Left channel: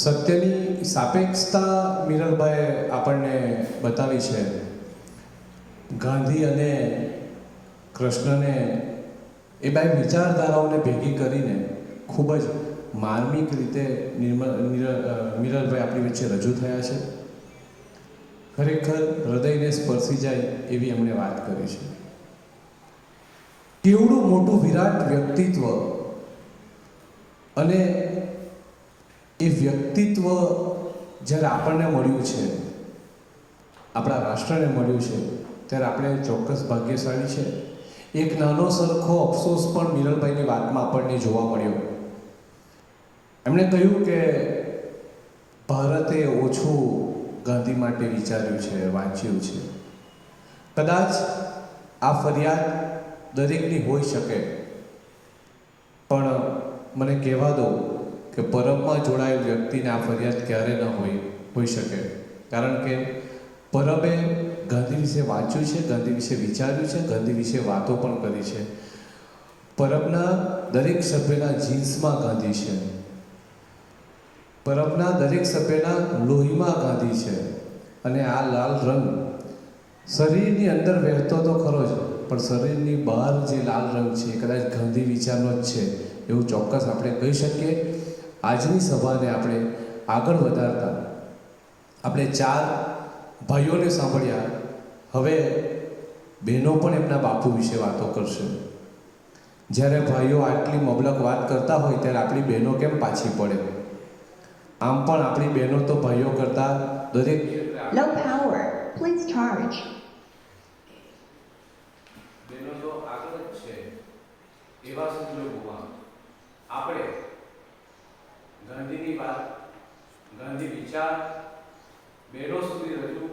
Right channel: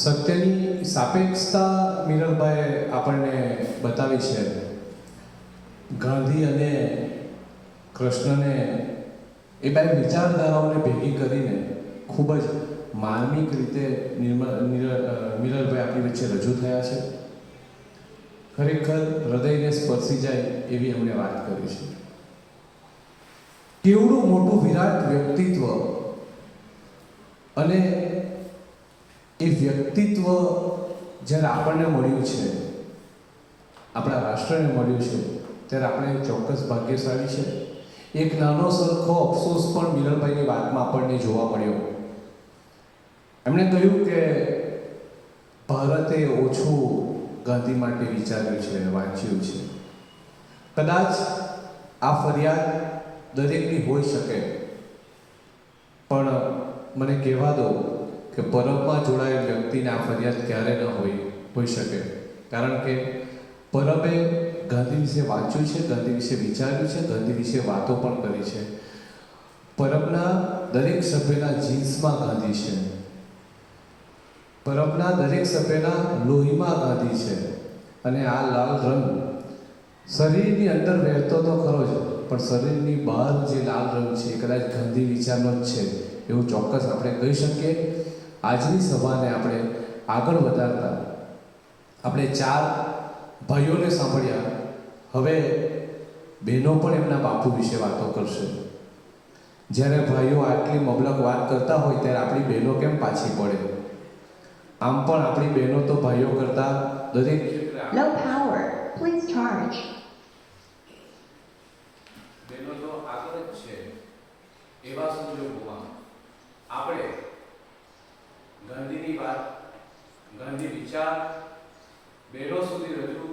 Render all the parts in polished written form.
સત્યની સાપેક્ષતા મીરાબાઈએ આપણને બતાવી છે. ગાંધી અને કૃષ્ણને એ બે વિચારધારાઓને ભેગી કરીને ખૂબ જ માર્મિક રીતે મીરાબાઈ આપણી વચ્ચે રજૂ થયા છે. ખરેખર હૃદયને સ્પર્શી જાય એવી એમણે વાત કરી છે. કેવડું મોટું વિરાટ વ્યક્તિત્વ, અને એ વ્યક્તિત્વ જ્યારે આપણને મળ્યું છે, આપણા રાષ્ટ્રને મળ્યું છે, ત્યારે આપણે ચોક્કસ ભાગ્યશાળી છે. એક નાનો સરખો અફસોસ પણ મીરાબાઈની વાતમાં આપણને જોવા મળ્યો. એમણે કહ્યું કે ભારતે ઓછું ગાંધી માટે વિચાર્યું છે, વાંચ્યું છે. કદાચ આ ફરિયાદ દરેકની હોઈ શકે, પણ મને કહેવા દો કે પરબમાં જોડાયેલ વ્યક્તિને આ ફરિયાદ ક્યારે ન હોઈ શકે. કારણ કે પરબે ગાંધી વિશે વાંચ્યું છે, ગાંધી વિશે વિચાર્યું છે, ગાંધી વિશે વાતો પણ કરી છે. પરબના દરેક સભ્યના જીન્સમાં ગાંધી છે. પરબના દરેક સભ્યના લોહીમાં ગાંધી છે. અને આ લાલ રંગ શરીરની અંદર વહેતો તો ખરો જ, પણ શરીરની બહાર જે લાલ રંગ છે એ કદાચ ગાંધી વિચારનો જ છે એવું ચોક્કસ આપણે કહી શકીએ. આજની સભાને આપણે આગળ વધારતા આપણે 4 ભાઈઓને સાંભળ્યા. હવે બહેનો પણ એમના બાપુ વિશે વાતો કરશે. જ્યારે ભાઈઓ આટલી મબલક વાત કરતા હોય ત્યારે આપણી બહેનો કેમ પાછી પડે? આમ પણ આપણી બહેનો તો ભાઈઓ કરતા દરેક No power. Please charge. બહેનો તો આગળ જ છે. એવા સંજોગોમાં આપણે ગાંધીની વાત, ગાંધી વિચાર બહેનો સુધી રજૂ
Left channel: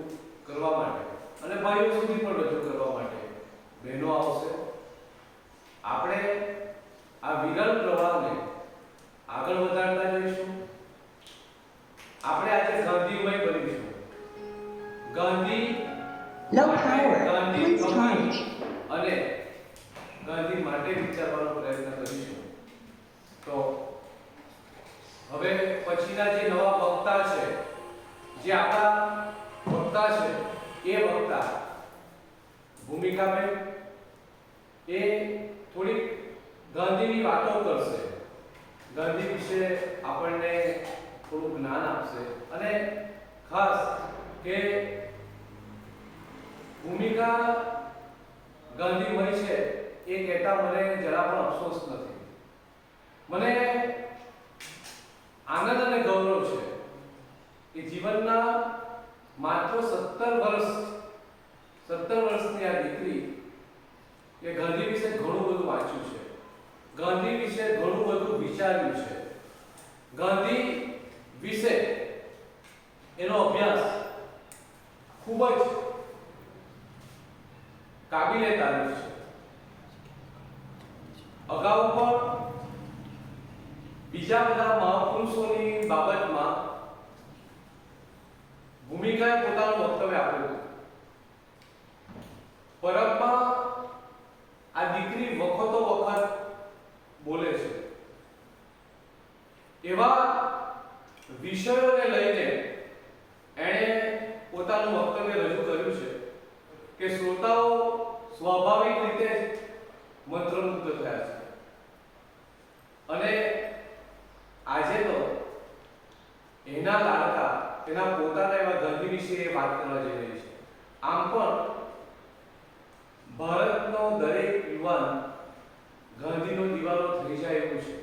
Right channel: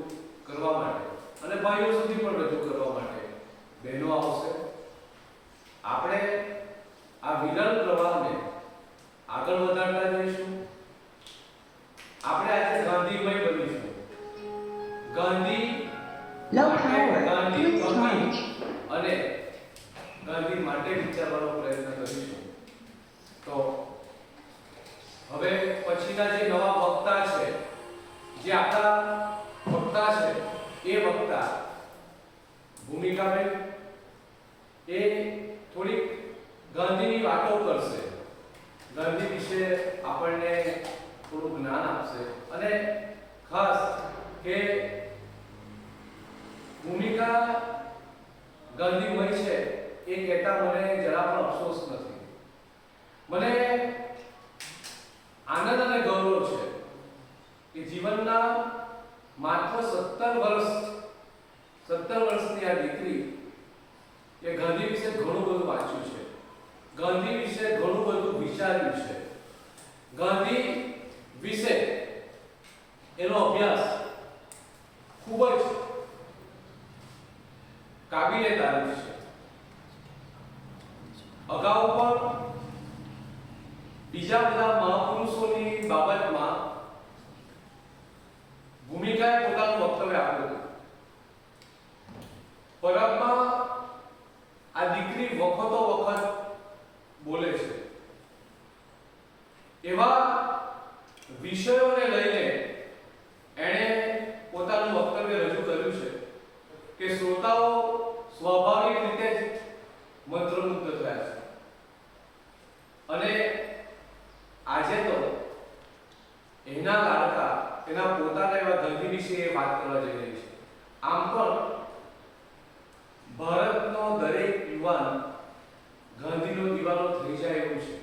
કરવા માટે અને ભાઈઓ સુધી પણ રજૂ કરવા માટે બહેનો આવશે. આપણે આ વિરલ પ્રવાહને આગળ વધારતા જઈશું. આપણે આજે ગાંધીમય બનીશું. Gandhi No power. Gandhi Please charge. અને ગાંધી માટે વિચારવાનો પ્રયત્ન કરીશું. તો હવે પછીના જે નવા વક્તા છે, જે આપણા વક્તા છે, એ વક્તા ભૂમિકાબેન એ થોડીક ગાંધીની વાતો કરશે. ગાંધી વિશે આપણને થોડું જ્ઞાન આપશે. અને ખાસ કે ભૂમિકા ગાંધીમય છે એ કહેતા મને જરા પણ અફસોસ નથી. મને આનંદ અને ગૌરવ છે કે જીવનના માત્ર 17 વર્ષની આ દીકરી એ ગાંધી વિશે ઘણું બધું વાંચ્યું છે, ગાંધી વિશે ઘણું બધું વિચાર્યું છે, ગાંધી વિશે એનો અભ્યાસ ખૂબ જ કાબિલે તારીફ છે. અગાઉ પણ બીજા બધા મહાપુરુષોની બાબતમાં ભૂમિકાએ પોતાનું વક્તવ્ય આપ્યું હતું. પરબમાં આ દીકરી વખતો વખત બોલે છે. એવા વિષયોને લઈને એણે પોતાનું વક્તવ્ય રજૂ કર્યું છે કે શ્રોતાઓ સ્વાભાવિક રીતે જ મંત્રમુગ્ધ થયા છે. અને આજે તો એના લાડકા, એના પોતાના એવા ગાંધી વિશે વાત કરવા જઈ રહી છે. આમ પણ ભારતનો દરેક યુવાન ગાંધીનો દીવાનો થઈ જાય એવું છે.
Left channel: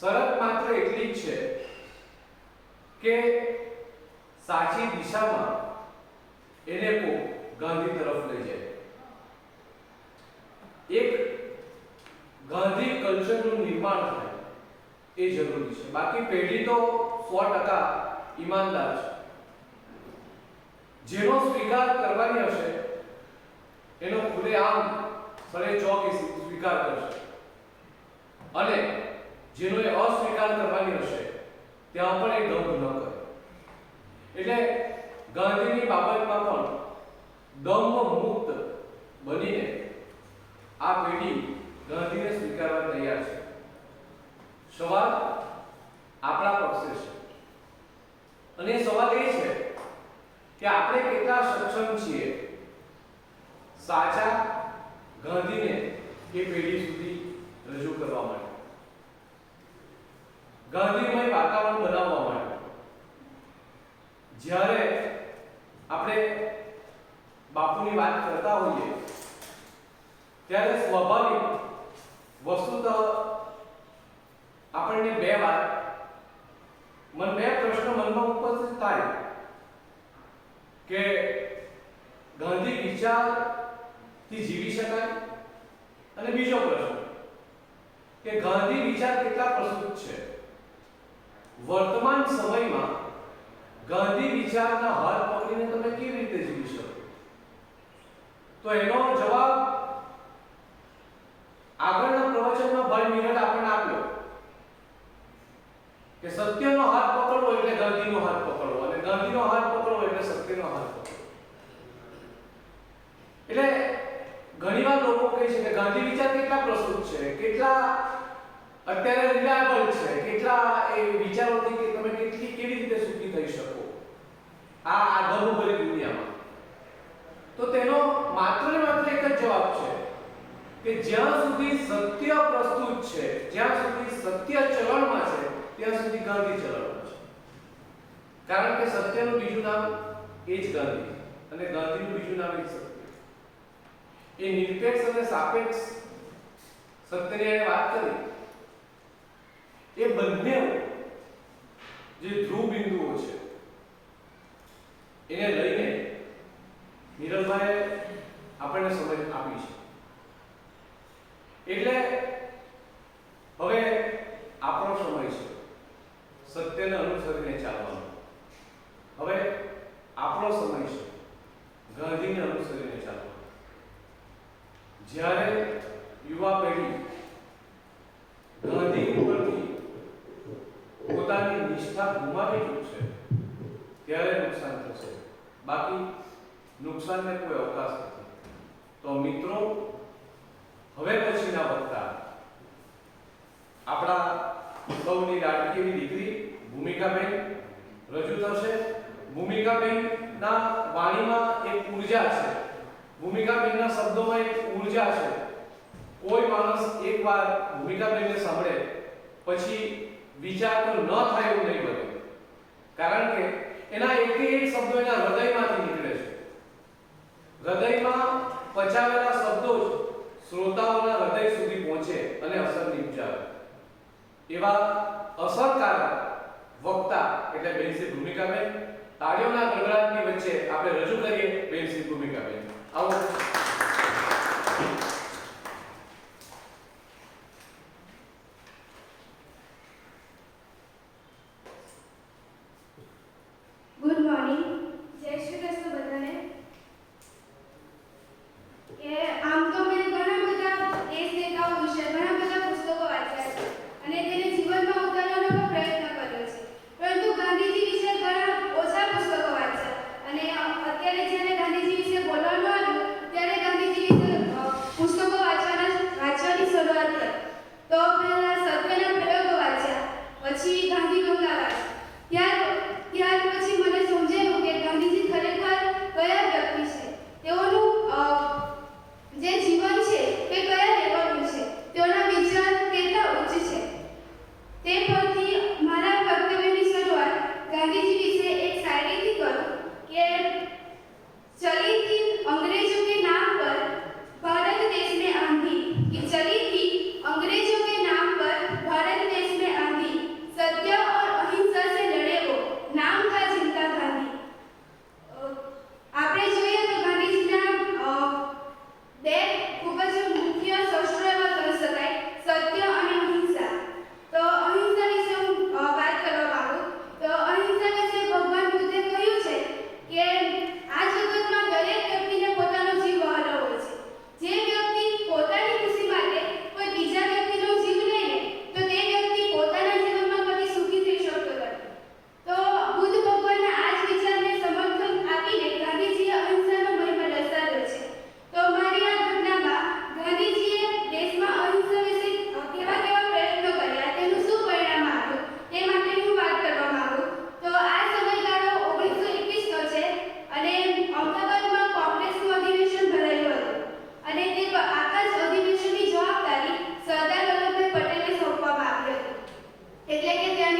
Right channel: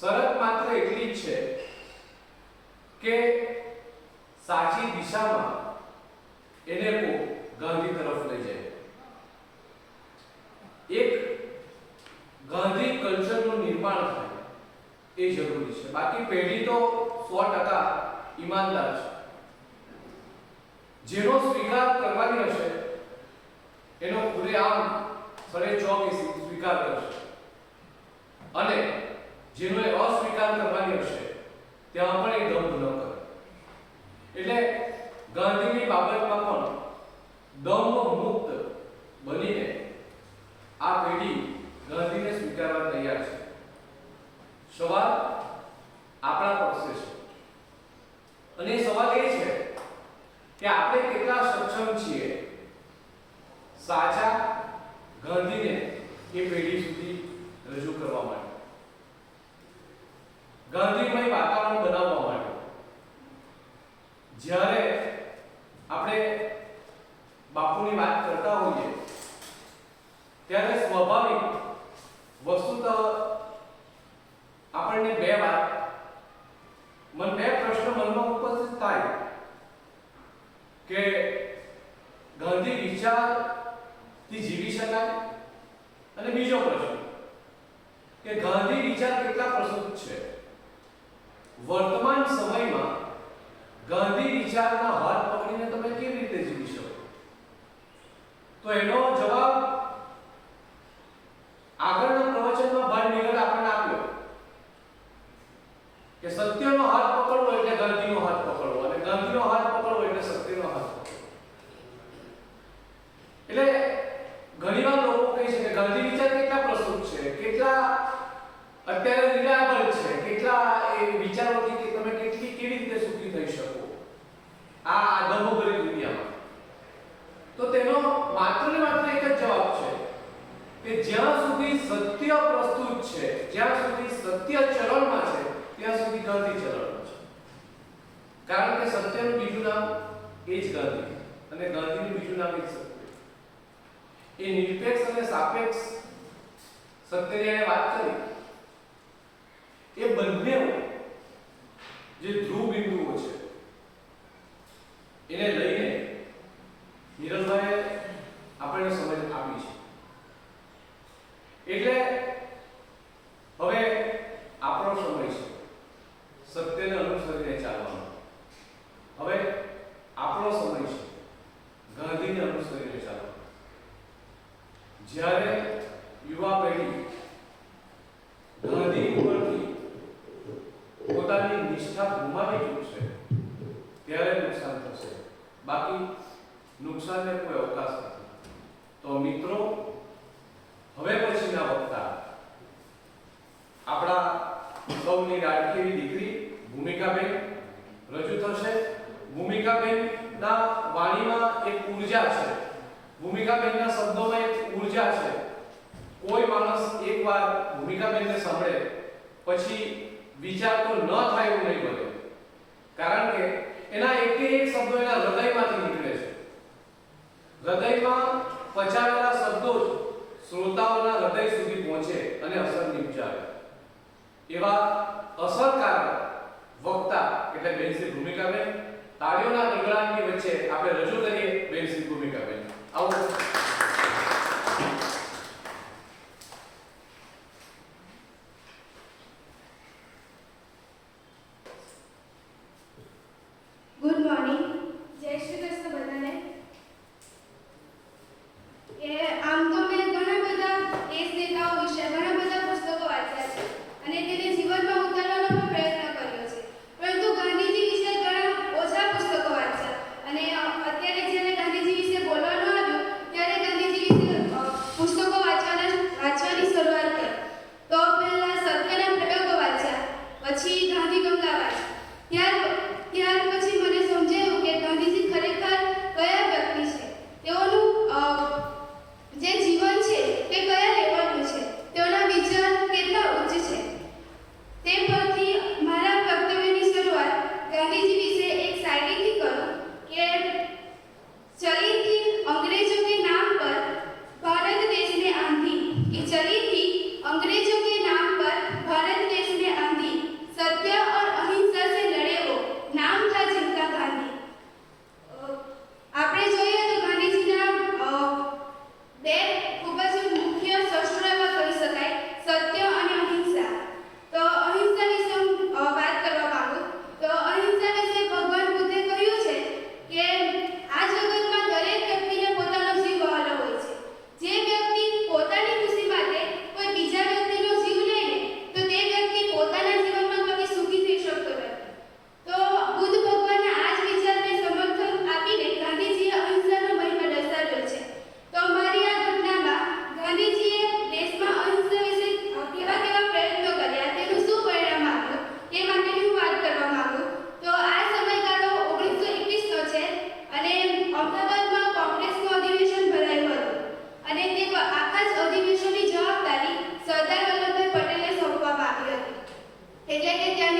શરત માત્ર એટલી જ છે કે સાચી દિશામાં એને ગાંધી તરફ લઈ જાય. એક ગાંધી કલ્ચરનું નિર્માણ થાય એ જરૂરી છે. બાકી પેઢી તો 100% ઈમાનદાર છે. જેનો સ્વીકાર કરવાની હશે એનો ખુલ્લેઆમ સડે ચોક સ્વીકાર કરશે, અને જેનો એ અસ્વીકાર કરવાની હશે ત્યાં પણ એ દંભ ન કરે. એટલે ગાંધીની બાબતમાં પણ દંભ મુક્ત બનીને આ પેઢી ગાંધીને સ્વીકારવા તૈયાર છે. સવાલ આપણા પક્ષે છે. અને સવાલ એ છે કે આપણે કેટલા સક્ષમ છીએ સાચા ગાંધીને એ પેઢી સુધી રજૂ કરવા માટે, ગાંધીમય વાતાવરણ બનાવવા માટે. જ્યારે આપણે બાપુની વાત કરતા હોઈએ ત્યારે સ્વાભાવિક વસ્તુતઃ આપણને બે પ્રશ્ન મનમાં ઉપસ્થિત થાય કે ગાંધી વિચારથી જીવી શકાય, અને બીજો પ્રશ્ન કે ગાંધી વિચાર કેટલા પ્રસ્તુત છે. વર્તમાન સમયમાં ગાંધી વિચારના હાથ પકડીને તમે કેવી રીતે જીવી શકો? તો એનો જવાબ આગળના પ્રવચનમાં ભાઈ નિરલ આપણને આપ્યો કે સત્યનો હાથ પકડવો એટલે ગાંધીનો હાથ પકડવો, અને ગાંધીનો હાથ પકડવો એટલે સત્યનો હાથ પકડવો. એટલે ઘણીવાર લોકો કહે છે કે ગાંધી વિચાર કેટલા પ્રસ્તુત છે, કેટલા અત્યારે રિલાયબલ છે, કેટલા એ વિચારોથી કે તમે કેવી રીતે સુખી થઈ શકો આ દમોભરી દુનિયામાં. તો તેનો માત્ર ને માત્ર એક જ જવાબ છે કે જ્યાં સુધી સત્ય પ્રસ્તુત છે, જ્યાં સુધી સત્ય ચલણમાં છે, ત્યાં સુધી ગાંધી ચલણમાં છે. કારણ કે સત્યનું બીજું નામ એ જ ગાંધી, અને ગાંધીનું બીજું નામ એ જ સત્ય. એ નિરપેક્ષ અને સાપેક્ષ સત્યની વાત કરી, એ બંને જે ધ્રુવ બિંદુઓ છે એને લઈને નિરલભાઈએ આપણને સમજ આપી છે. એટલે હવે આપણો સમય છે સત્યને અનુસરીને ચાલવાનો. હવે આપણો સમય છે ગાંધીને અનુસરીને ચાલવાનો. જ્યારે યુવા પેઢી ગાંધી ઉપરથી પોતાની નિષ્ઠા ગુમાવી ચૂકશે ત્યારે નુકસાન થશે, બાકી નુકસાનને કોઈ અવકાશ નથી. તો મિત્રો, હવે પછીના વક્તા આપણા સૌની લાડકી એવી દીકરી ભૂમિકાબેન રજૂ થશે. ભૂમિકાબેનના વાણીમાં એક ઉર્જા છે, ભૂમિકાબેનના શબ્દોમાં એક ઉર્જા છે. કોઈ માણસ એકવાર ભૂમિકાબેનને સાંભળે પછી વિચાર તો ન થાય એવું નહીં બને, કારણ કે એના એક શબ્દો એના હૃદયમાંથી નીકળે છે. હૃદયમાં પચાવેલા શબ્દો જ શ્રોતાઓના હૃદય સુધી પહોંચે અને અસર નિપજાવે. એવા અસરકારક વક્તા એટલે બેન શ્રી ભૂમિકાબેન. તાળીઓના ગડગડાટની વચ્ચે આપણે રજૂ કરીએ બેન શ્રી ભૂમિકાબેન. આવો. ગુડ મોર્નિંગ, જય શ્રી કૃષ્ણ બધાને. આમ તો મેં ઘણા બધા દેશ નેતાઓ વિશે ઘણા બધા પુસ્તકો વાંચ્યા છે અને તેને જીવનમાં ઉતારવાનો પણ પ્રયત્ન કર્યો છે, પરંતુ ગાંધીજી વિશે ઘણા ઓછા પુસ્તકો વાંચ્યા. અને અત્યારે જ્યારે ગાંધીજી વિશે બોલવાનું આવ્યું ત્યારે ગાંધીજી વિશે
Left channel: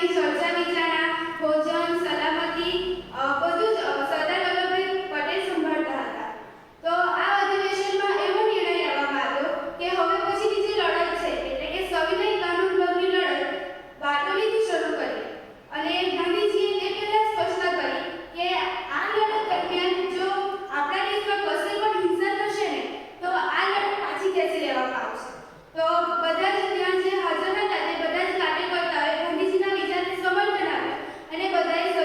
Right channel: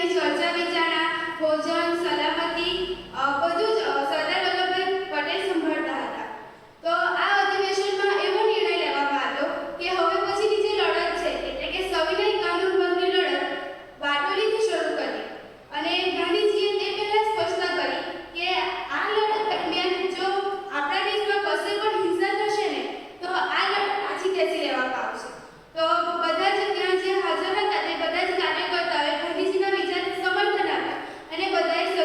ત્યાંની ચર્ચા વિચારણા, ભોજન, સલામતી બધું જ સરદાર વલ્લભભાઈ પટેલ સંભાળતા હતા. તો આ અધિવેશનમાં એવો નિર્ણય લેવામાં આવ્યો કે હવે પછીની જે લડત છે એટલે કે સવિનય કાનૂન ભંગની લડત બારડોલીથી શરૂ કરી. અને ગાંધીજીએ તે પહેલા સ્પષ્ટતા કરી કે આ લડત દરમિયાન જો આપણા દેશમાં કશે પણ હિંસા થશે ને તો આ લડત પાછી ખેંચી લેવામાં આવશે. તો બધા જ ત્યાં જે હાજર હતા તે બધા જ કાર્યકર્તાઓએ ગાંધીજીના વિચારને સમર્થન આપ્યું અને બધાએ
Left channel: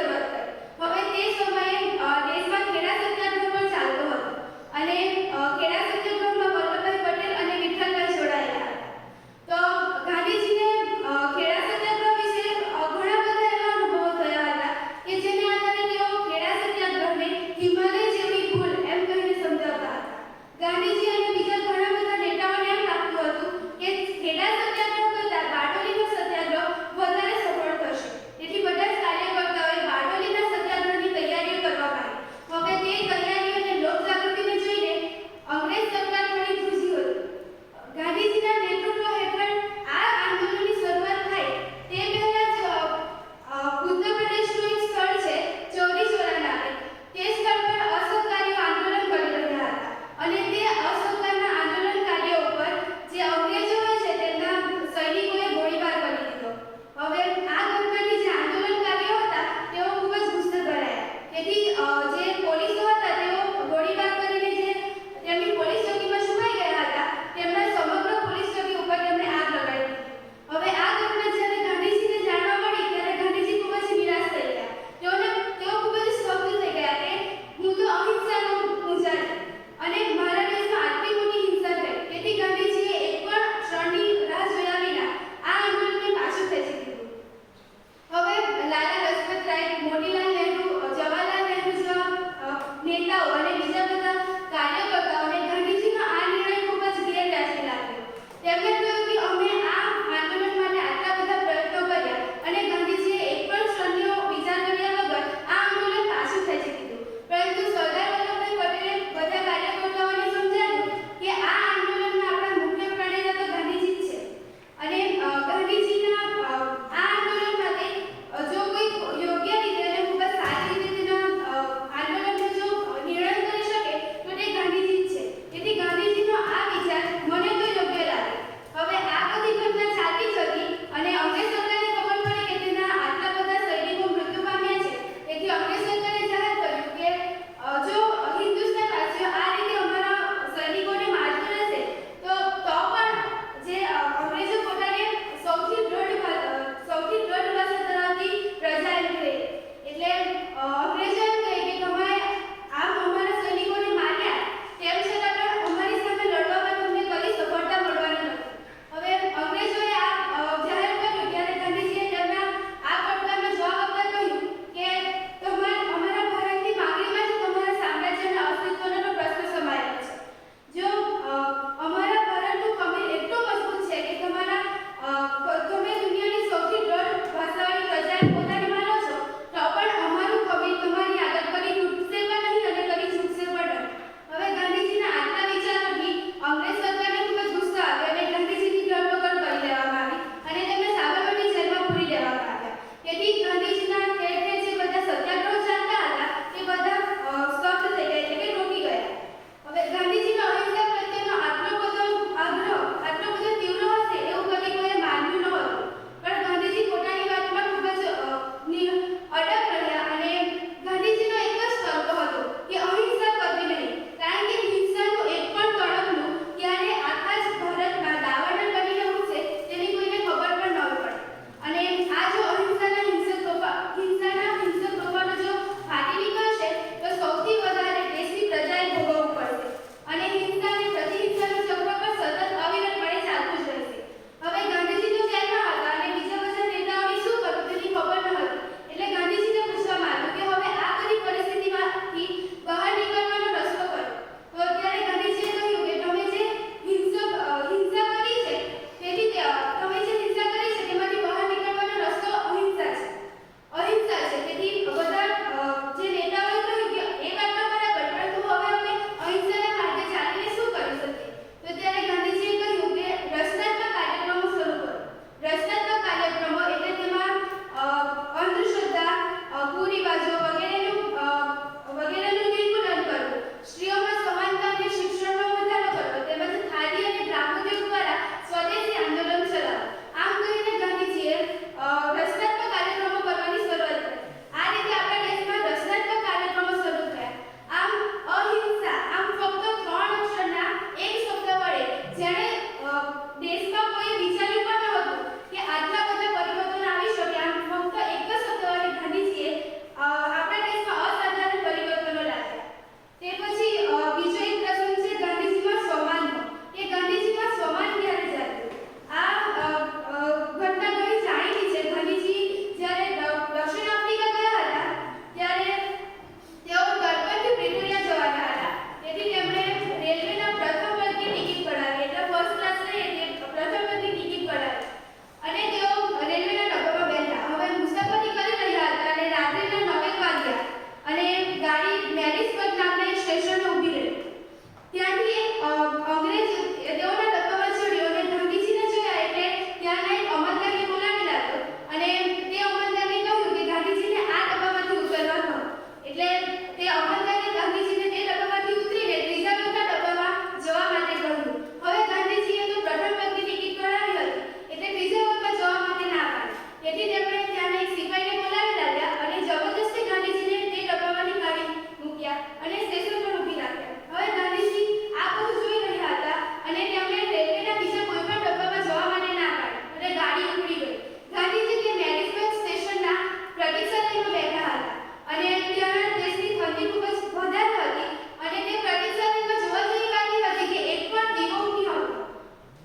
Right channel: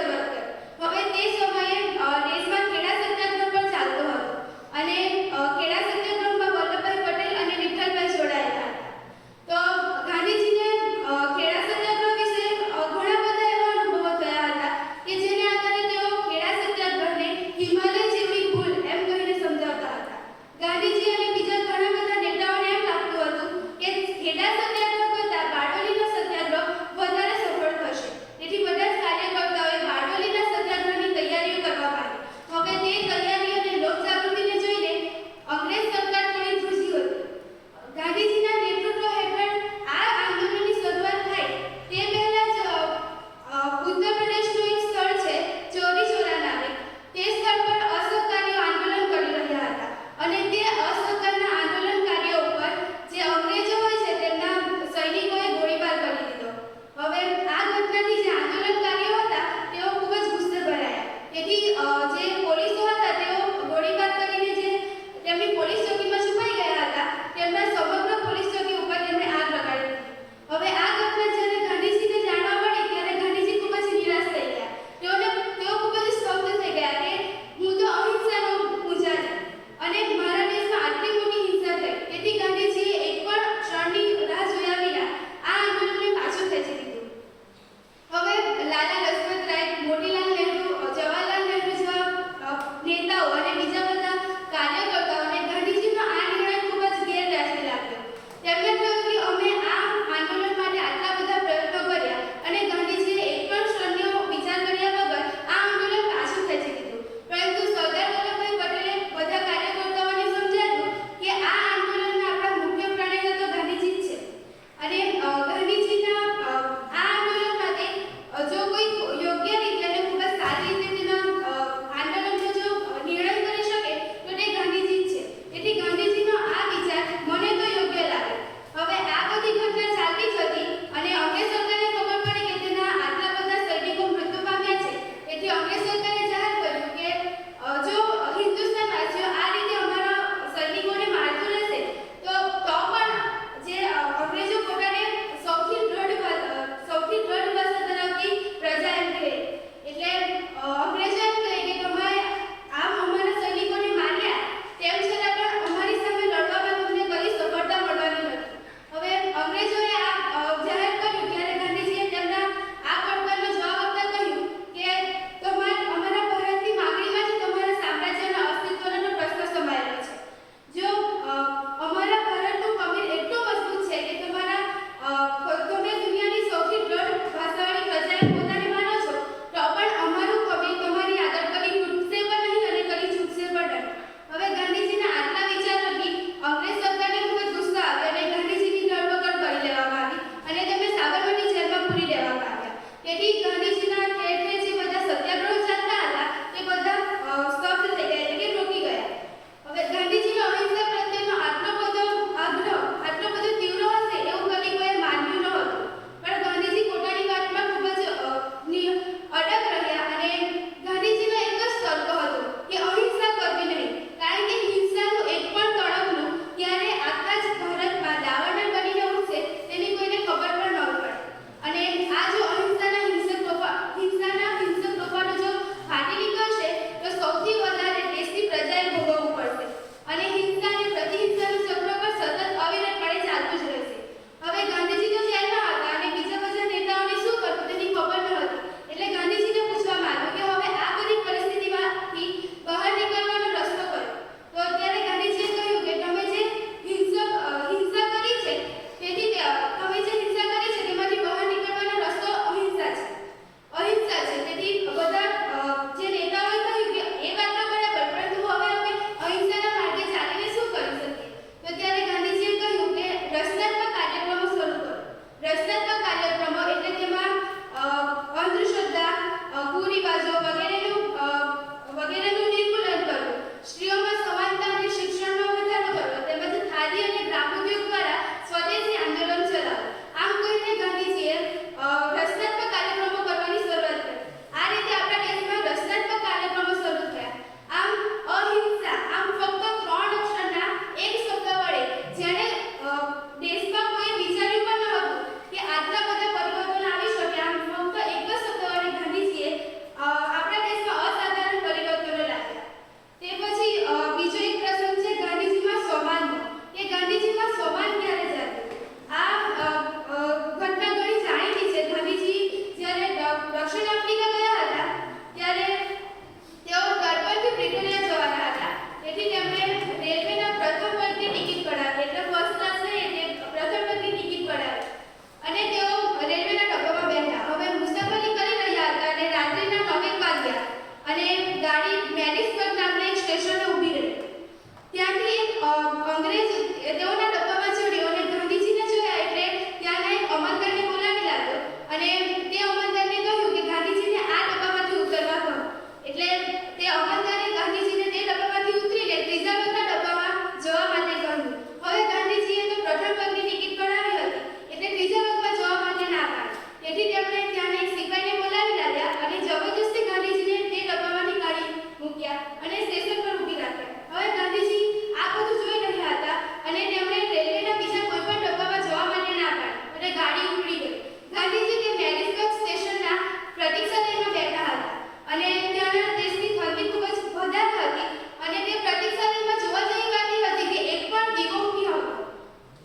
તેથી તેમણે ત્યાંના એક સિપાહીને બોલાવી લાવ્યા અને જબરજસ્તી ગાંધીજીને તે ડબ્બામાંની કાઢી મૂક્યા અને સ્ટેશન પર ઊભી રાખ્યા. હવે ગાંધીજી આ બધું જોઈ રહ્યા હતા અને તેમણે રેલવેના બીજા કોઈ પણ ડબ્બામાં જવા માટે ના પાડી અને ગાડી ઉપડી ગઈ. ગાંધીજી તે મેરીસ્બર્ગ સ્ટેશનના પ્રતીક્ષાલયમાં બેઠા હતા અને ત્યાંના દેશની ઠંડી ખૂબ જ વધારે હતી અને તે પ્રતીક્ષાલયમાં જોવા જેવી વાત એ હતી કે એક પણ દીવો ઉઠ્યો હતો.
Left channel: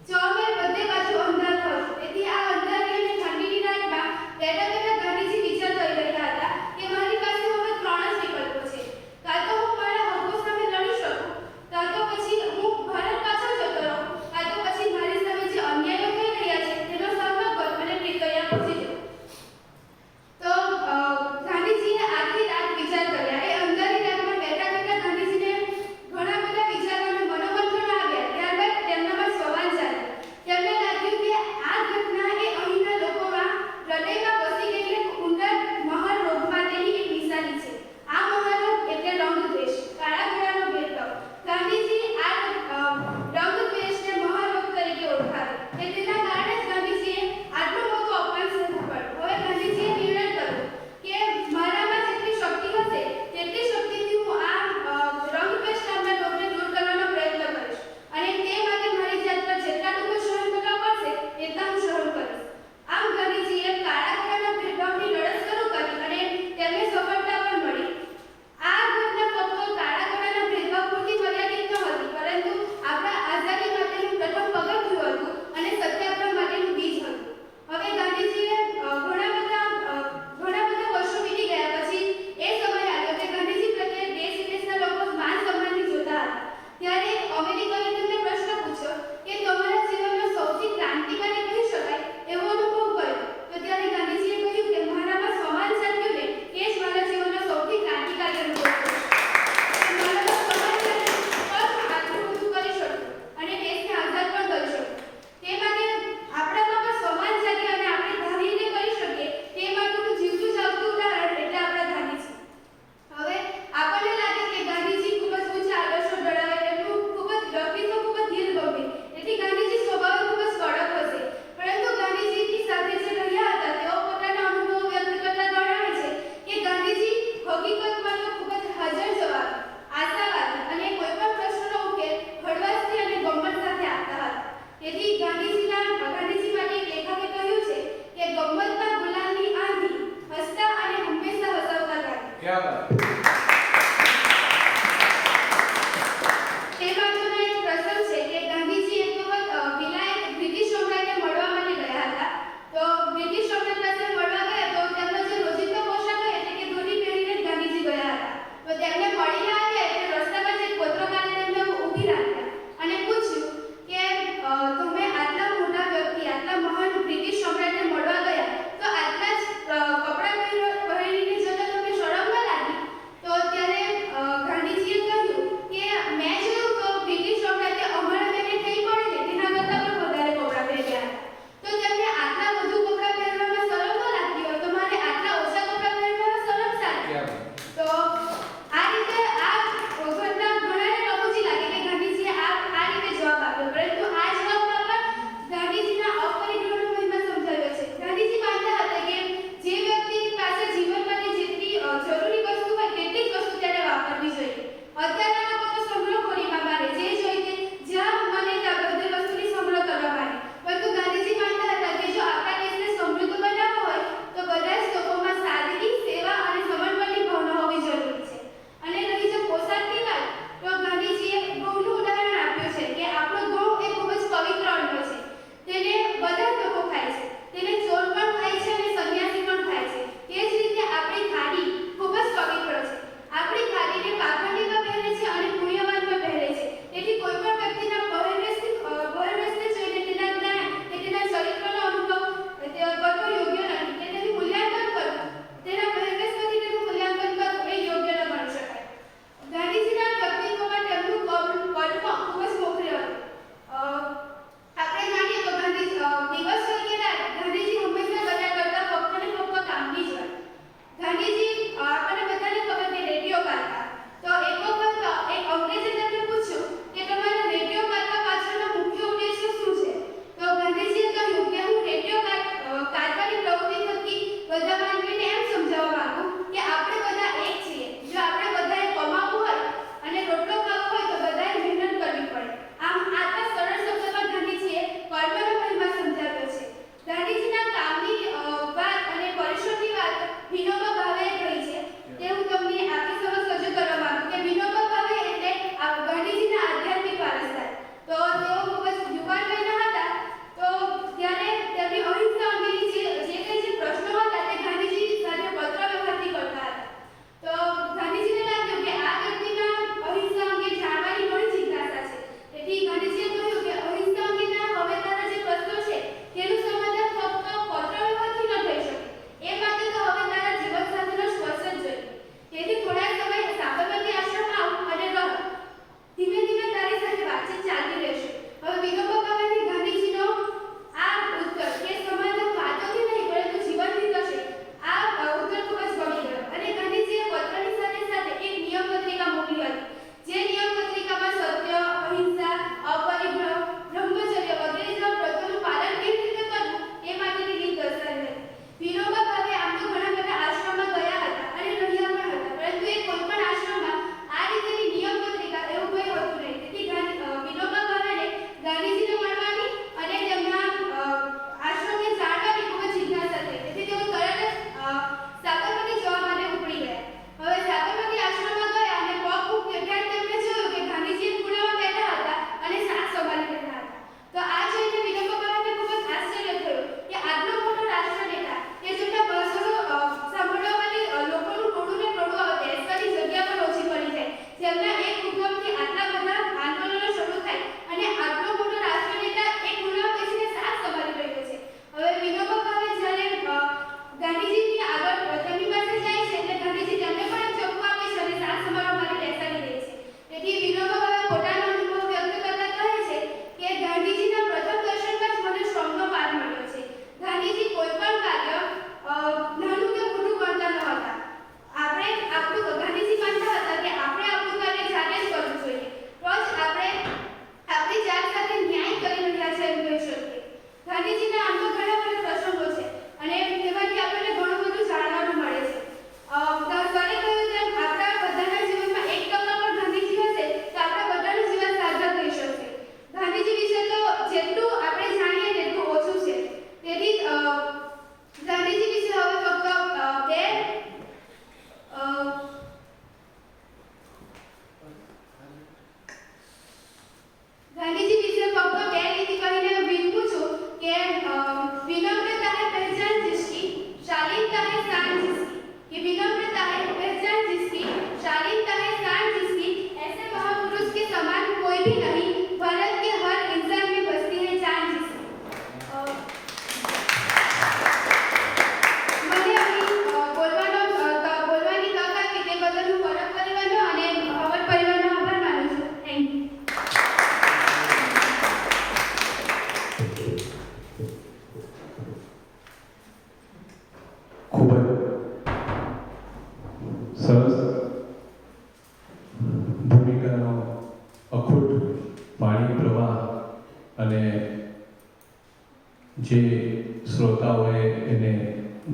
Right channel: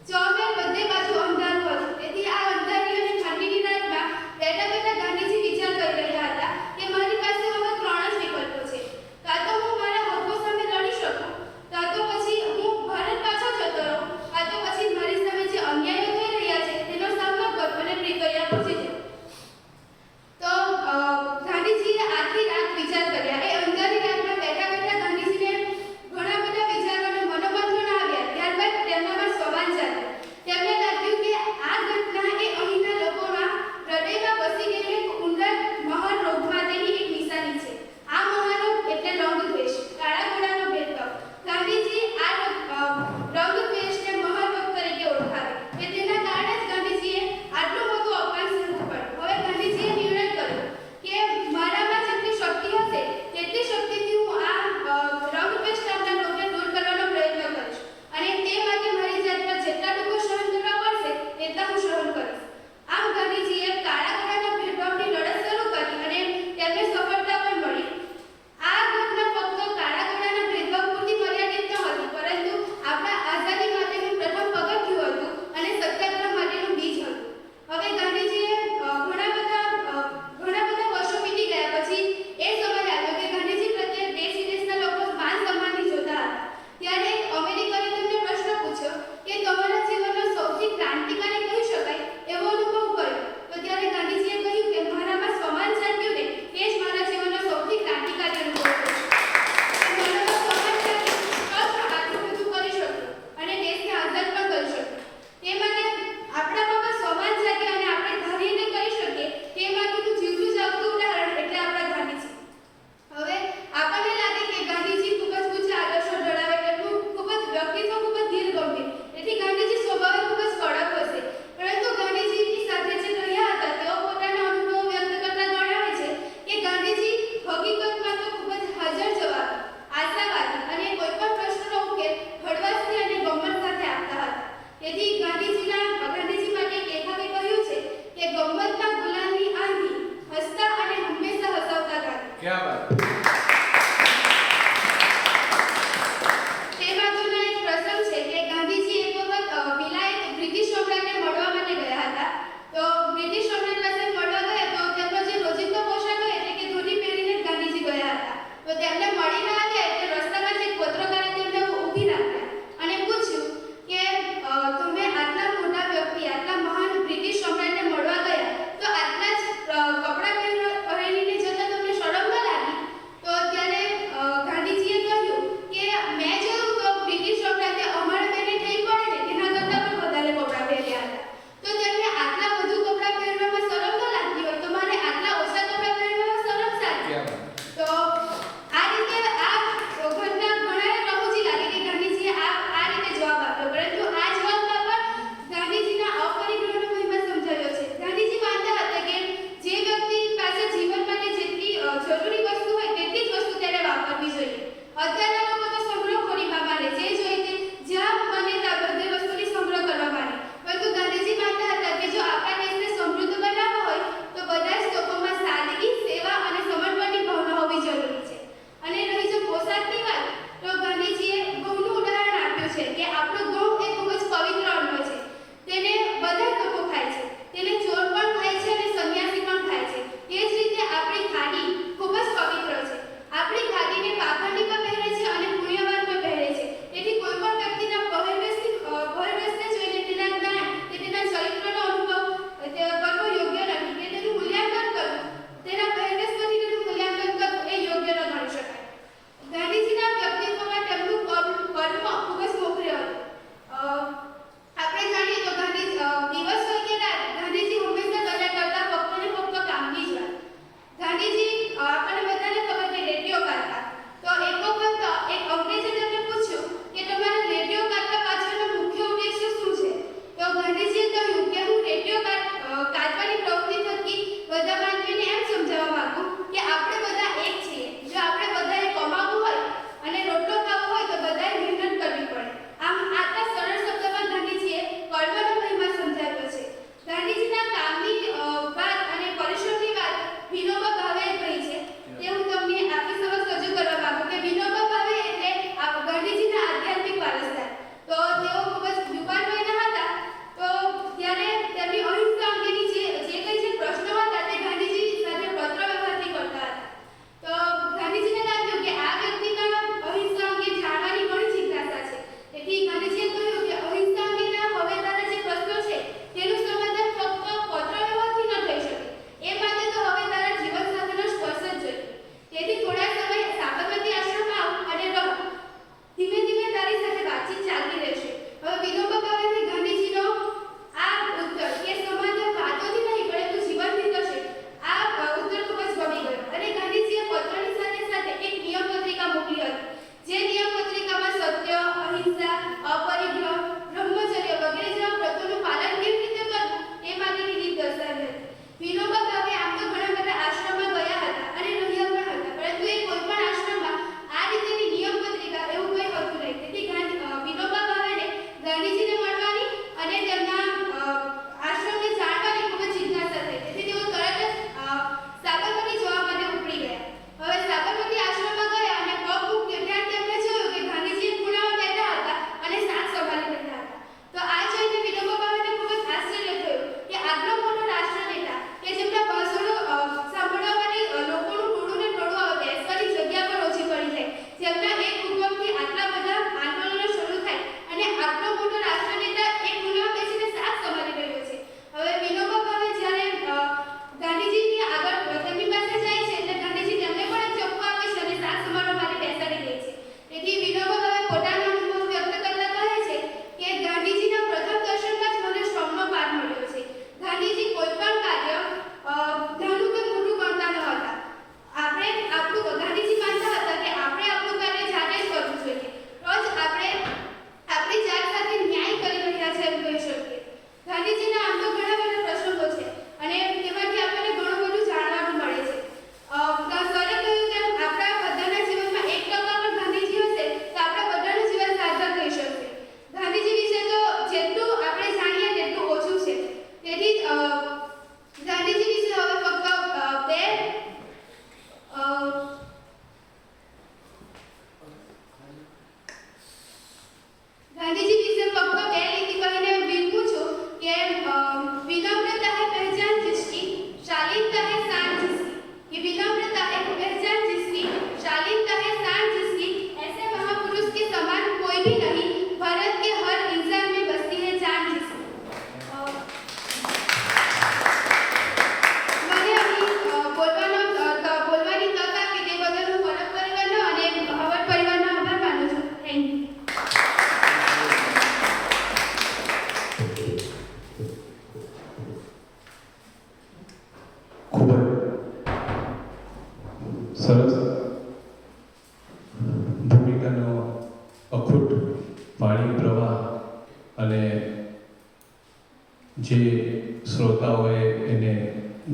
ચોમેર બધે બાજુ અંધારું હતું. તેથી આ અંધારી અને ઠંડીની રાતમાં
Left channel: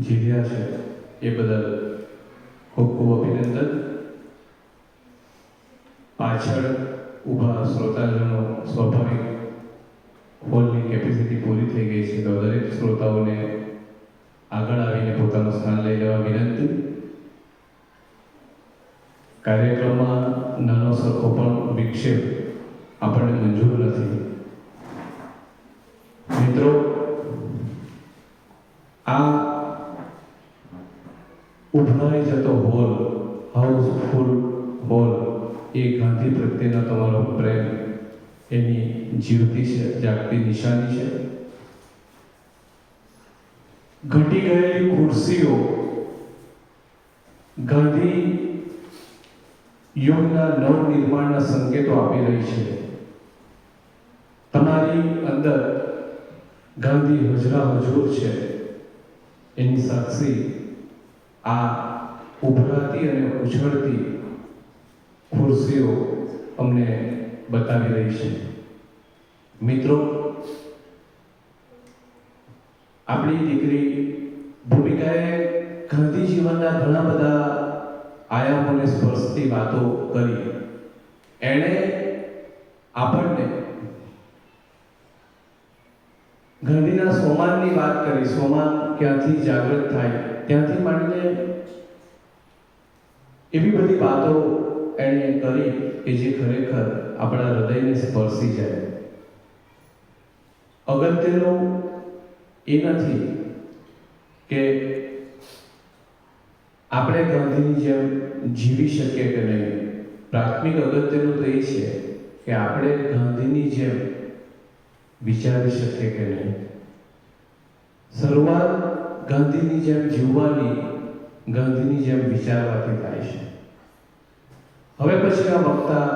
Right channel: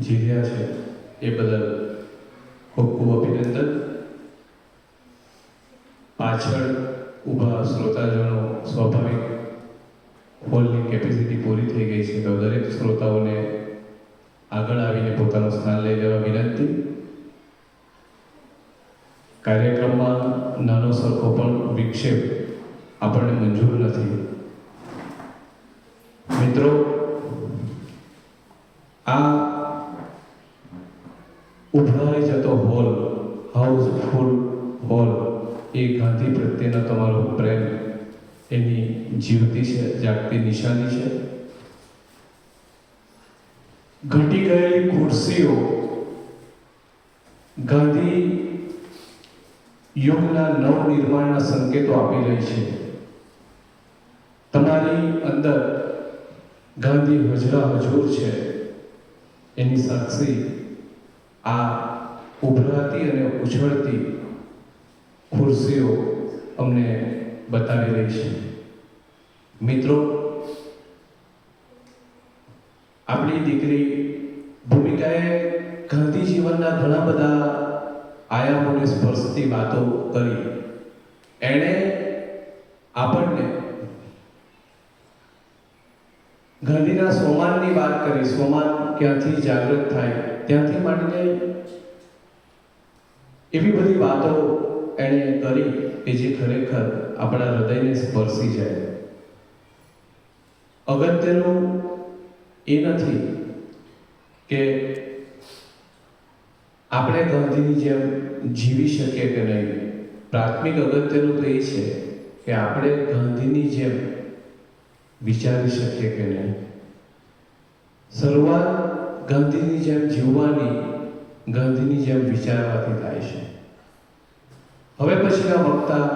જીર્યા છે એ બદલ ખૂબ ખૂબ અભિનંદન. પાછળ ઊભા શ્રોતાજનો સ્વાભાવિક હોલની કેપેસિટી પૂરી થઈ ગઈ છે, તો દરેક શ્રોતાઓને આગળ આવીને પોતાનું સ્થાન લઈ લેવા વિનંતી. કાર્યક્રમમાં નાનો સરખો પણ વિક્ષેપ આપણને મંજૂર નથી. મિત્રો, આ ઉભરાઈ જતો હોલ, હાઉસફુલ હોલ, એ ગાંધી પ્રત્યેનો તમારો પ્રેમ, એની જીવતી છે, જાગતી નિશાની છે. ઘટી ગયેલી ખુરશીઓ ગાંધી યુગના નવનિર્માણના સંકેતો આપી રહી છે. તમારી અંદર ગાંધી હજરા હજૂર છે, એની સાક્ષી આ ઉભરાતી અને ઉછળતી ખુરશીઓ અમને બતાવી રહી છે. મિત્રો, આપણી દીકરી ભૂમિકાએ ગાંધી જીવનના ઘણા બધા આયામોને સ્પર્શતી વાતો કરી. એણે આપણને ગાંધીના સોમાનની વાત કરી. સોમાન ક્યાંથી જાગૃત થાય, ત્યાંથી માંડીને એવી બધી વાતો એણે કરી કે જે ખરેખર આપણા હૃદયને સ્પર્શી જાય. અગત્યનું એ નથી કે આપણે ગાંધીની જેમ જીવી શકીએ કે નહીં. પ્રાથમિક અગત્યનું તો એ છે કે આપણે ગાંધીની જેમ વિચારી શકીએ કે નહીં. શરૂઆત ગાંધીની જેમ જીવવાની, ગાંધીની જેમ વિચારવાથી થાય છે. હવે પછી આ વક્તા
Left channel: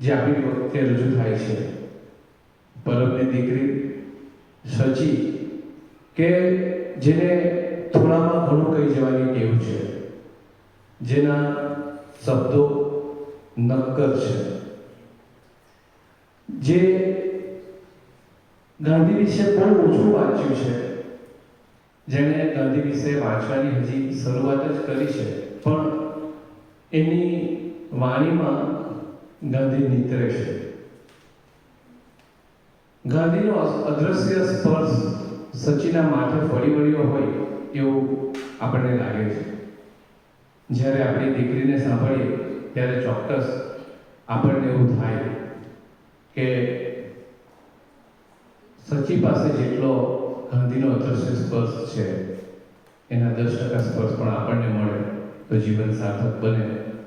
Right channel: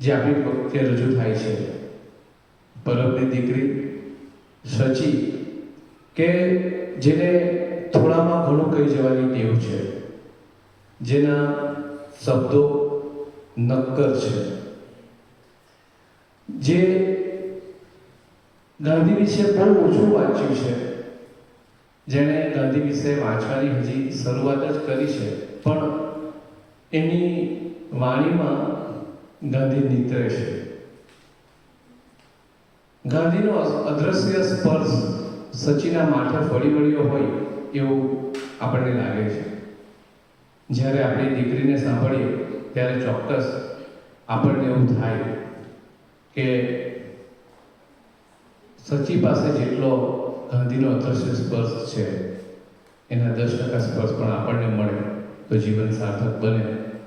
જે આપણી વખતે રજૂ થાય છે, પરબની દીકરી સચી, કે જેને થોડામાં ઘણું કહી જવાની ટેવ છે, જેના શબ્દો નક્કર છે, જે ગાંધી વિશે બહુ ઓછું વાંચ્યું છે, જેણે ગાંધી વિશે વાંચવાની હજી શરૂઆત જ કરી છે, પણ એની વાણીમાં ગાંધી નીતરે છે. ગાંધીનો અદ્રશ્ય સ્પર્શ સચીના માથે ફળી વળ્યો હોય એવું આપણને લાગે છે. જ્યારે આપણી દીકરીને સાંભળીએ ત્યારે ચોક્કસ આપણને એવું થાય કે સચી પાસે જેટલો ગાંધીનો અદ્રશ્ય સ્પર્શ છે, એના 10% સ્પર્શ પણ આપણને મળે તો જીવન સાર્થક બને.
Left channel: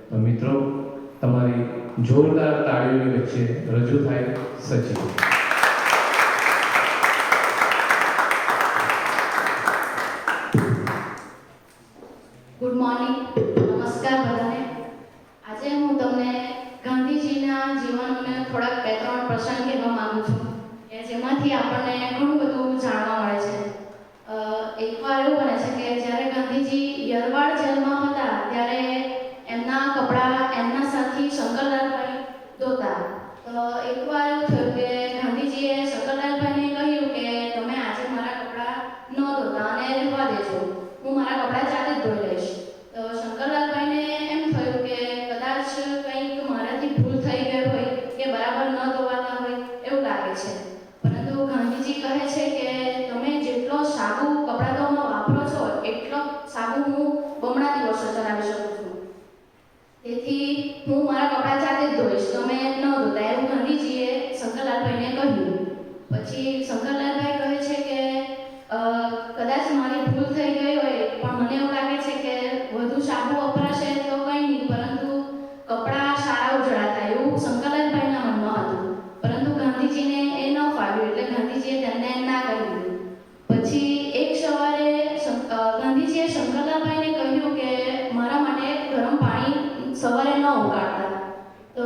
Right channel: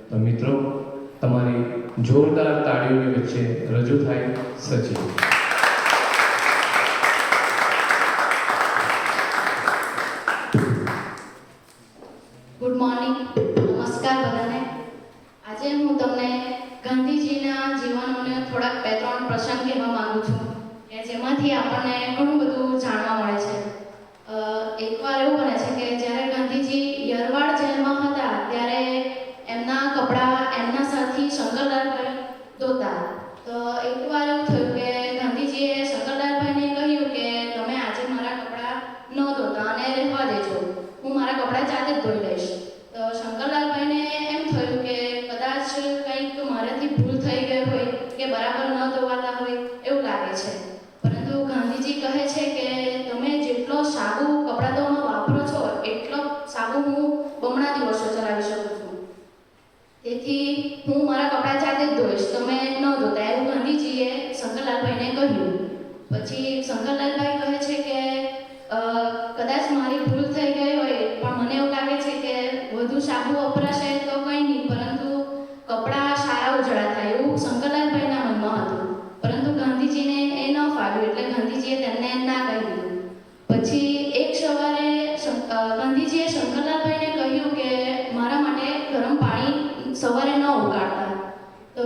તો મિત્રો, તમારી જોરદાર તાળીઓની વચ્ચે રજૂ થાય સચી. ગુડ મોર્નિંગ, નમસ્કાર બધાને. આજે હું તમને ગાંધીજીના જીવનને થોડાક 2-3 પ્રસંગ કહેવા માંગુ છું કે જેમાંથી આપણને ઘણું બધું જાણવા મળે છે. એકવાર એવું બને છે કે જ્યારે ગાંધીજી યરવાડ જેલમાં હતા ત્યારે એમના કપડાં એમના સાથી શંકરલાલભાઈ ધોતા. તો એકવાર એવું થયું કે ગાંધીજીએ શંકરલાલભાઈને કહ્યું કે તમે આજે મારા કપડાં ન ધોતા અને રહેવા દેજો, હું મારા કપડાં જાતે જ ધોઈ લઈશ. તો શંકરલાલભાઈને એમ થયું કે કદાચ કંઈક મારાથી ભૂલ થઈ ગઈ હોય કે બરાબર ન ધોવાતા હોય એવું લાગે છે. પરંતુ ગાંધીજી કહે છે કે તમે જેટલો સાબુ કપડાં ધોવામાં વાપરો છો એટલો સાબુ હું બમણા દિવસો ચલાવી શકું છું. તેથી હું મારા કપડાં જાતે જ ધોઈશ, તમે ન ધોતા, એવું ગાંધીજીએ શંકરલાલભાઈને કહ્યું. પછી શંકરલાલભાઈ કહે છે કે કદાચ મારી ભૂલ થઈ ગઈ હોય, પણ મને એવું લાગે છે કે વધુ સાબુ વપરાશે તો કંઈ નહીં, પરંતુ કપડાં સારા ઉજળા થાય એવું શંકરલાલભાઈના મનમાં હતું. પરંતુ ગાંધીજીને એ ન ફાવ્યું એટલે ગાંધીજીએ તેમને ના કહ્યું. પછી એક સવારે ગાંધીજીએ શંકરલાલભાઈને કહ્યું કે મારા માટે ગરમ પાણી સવારે ન ઉકાળતા. તો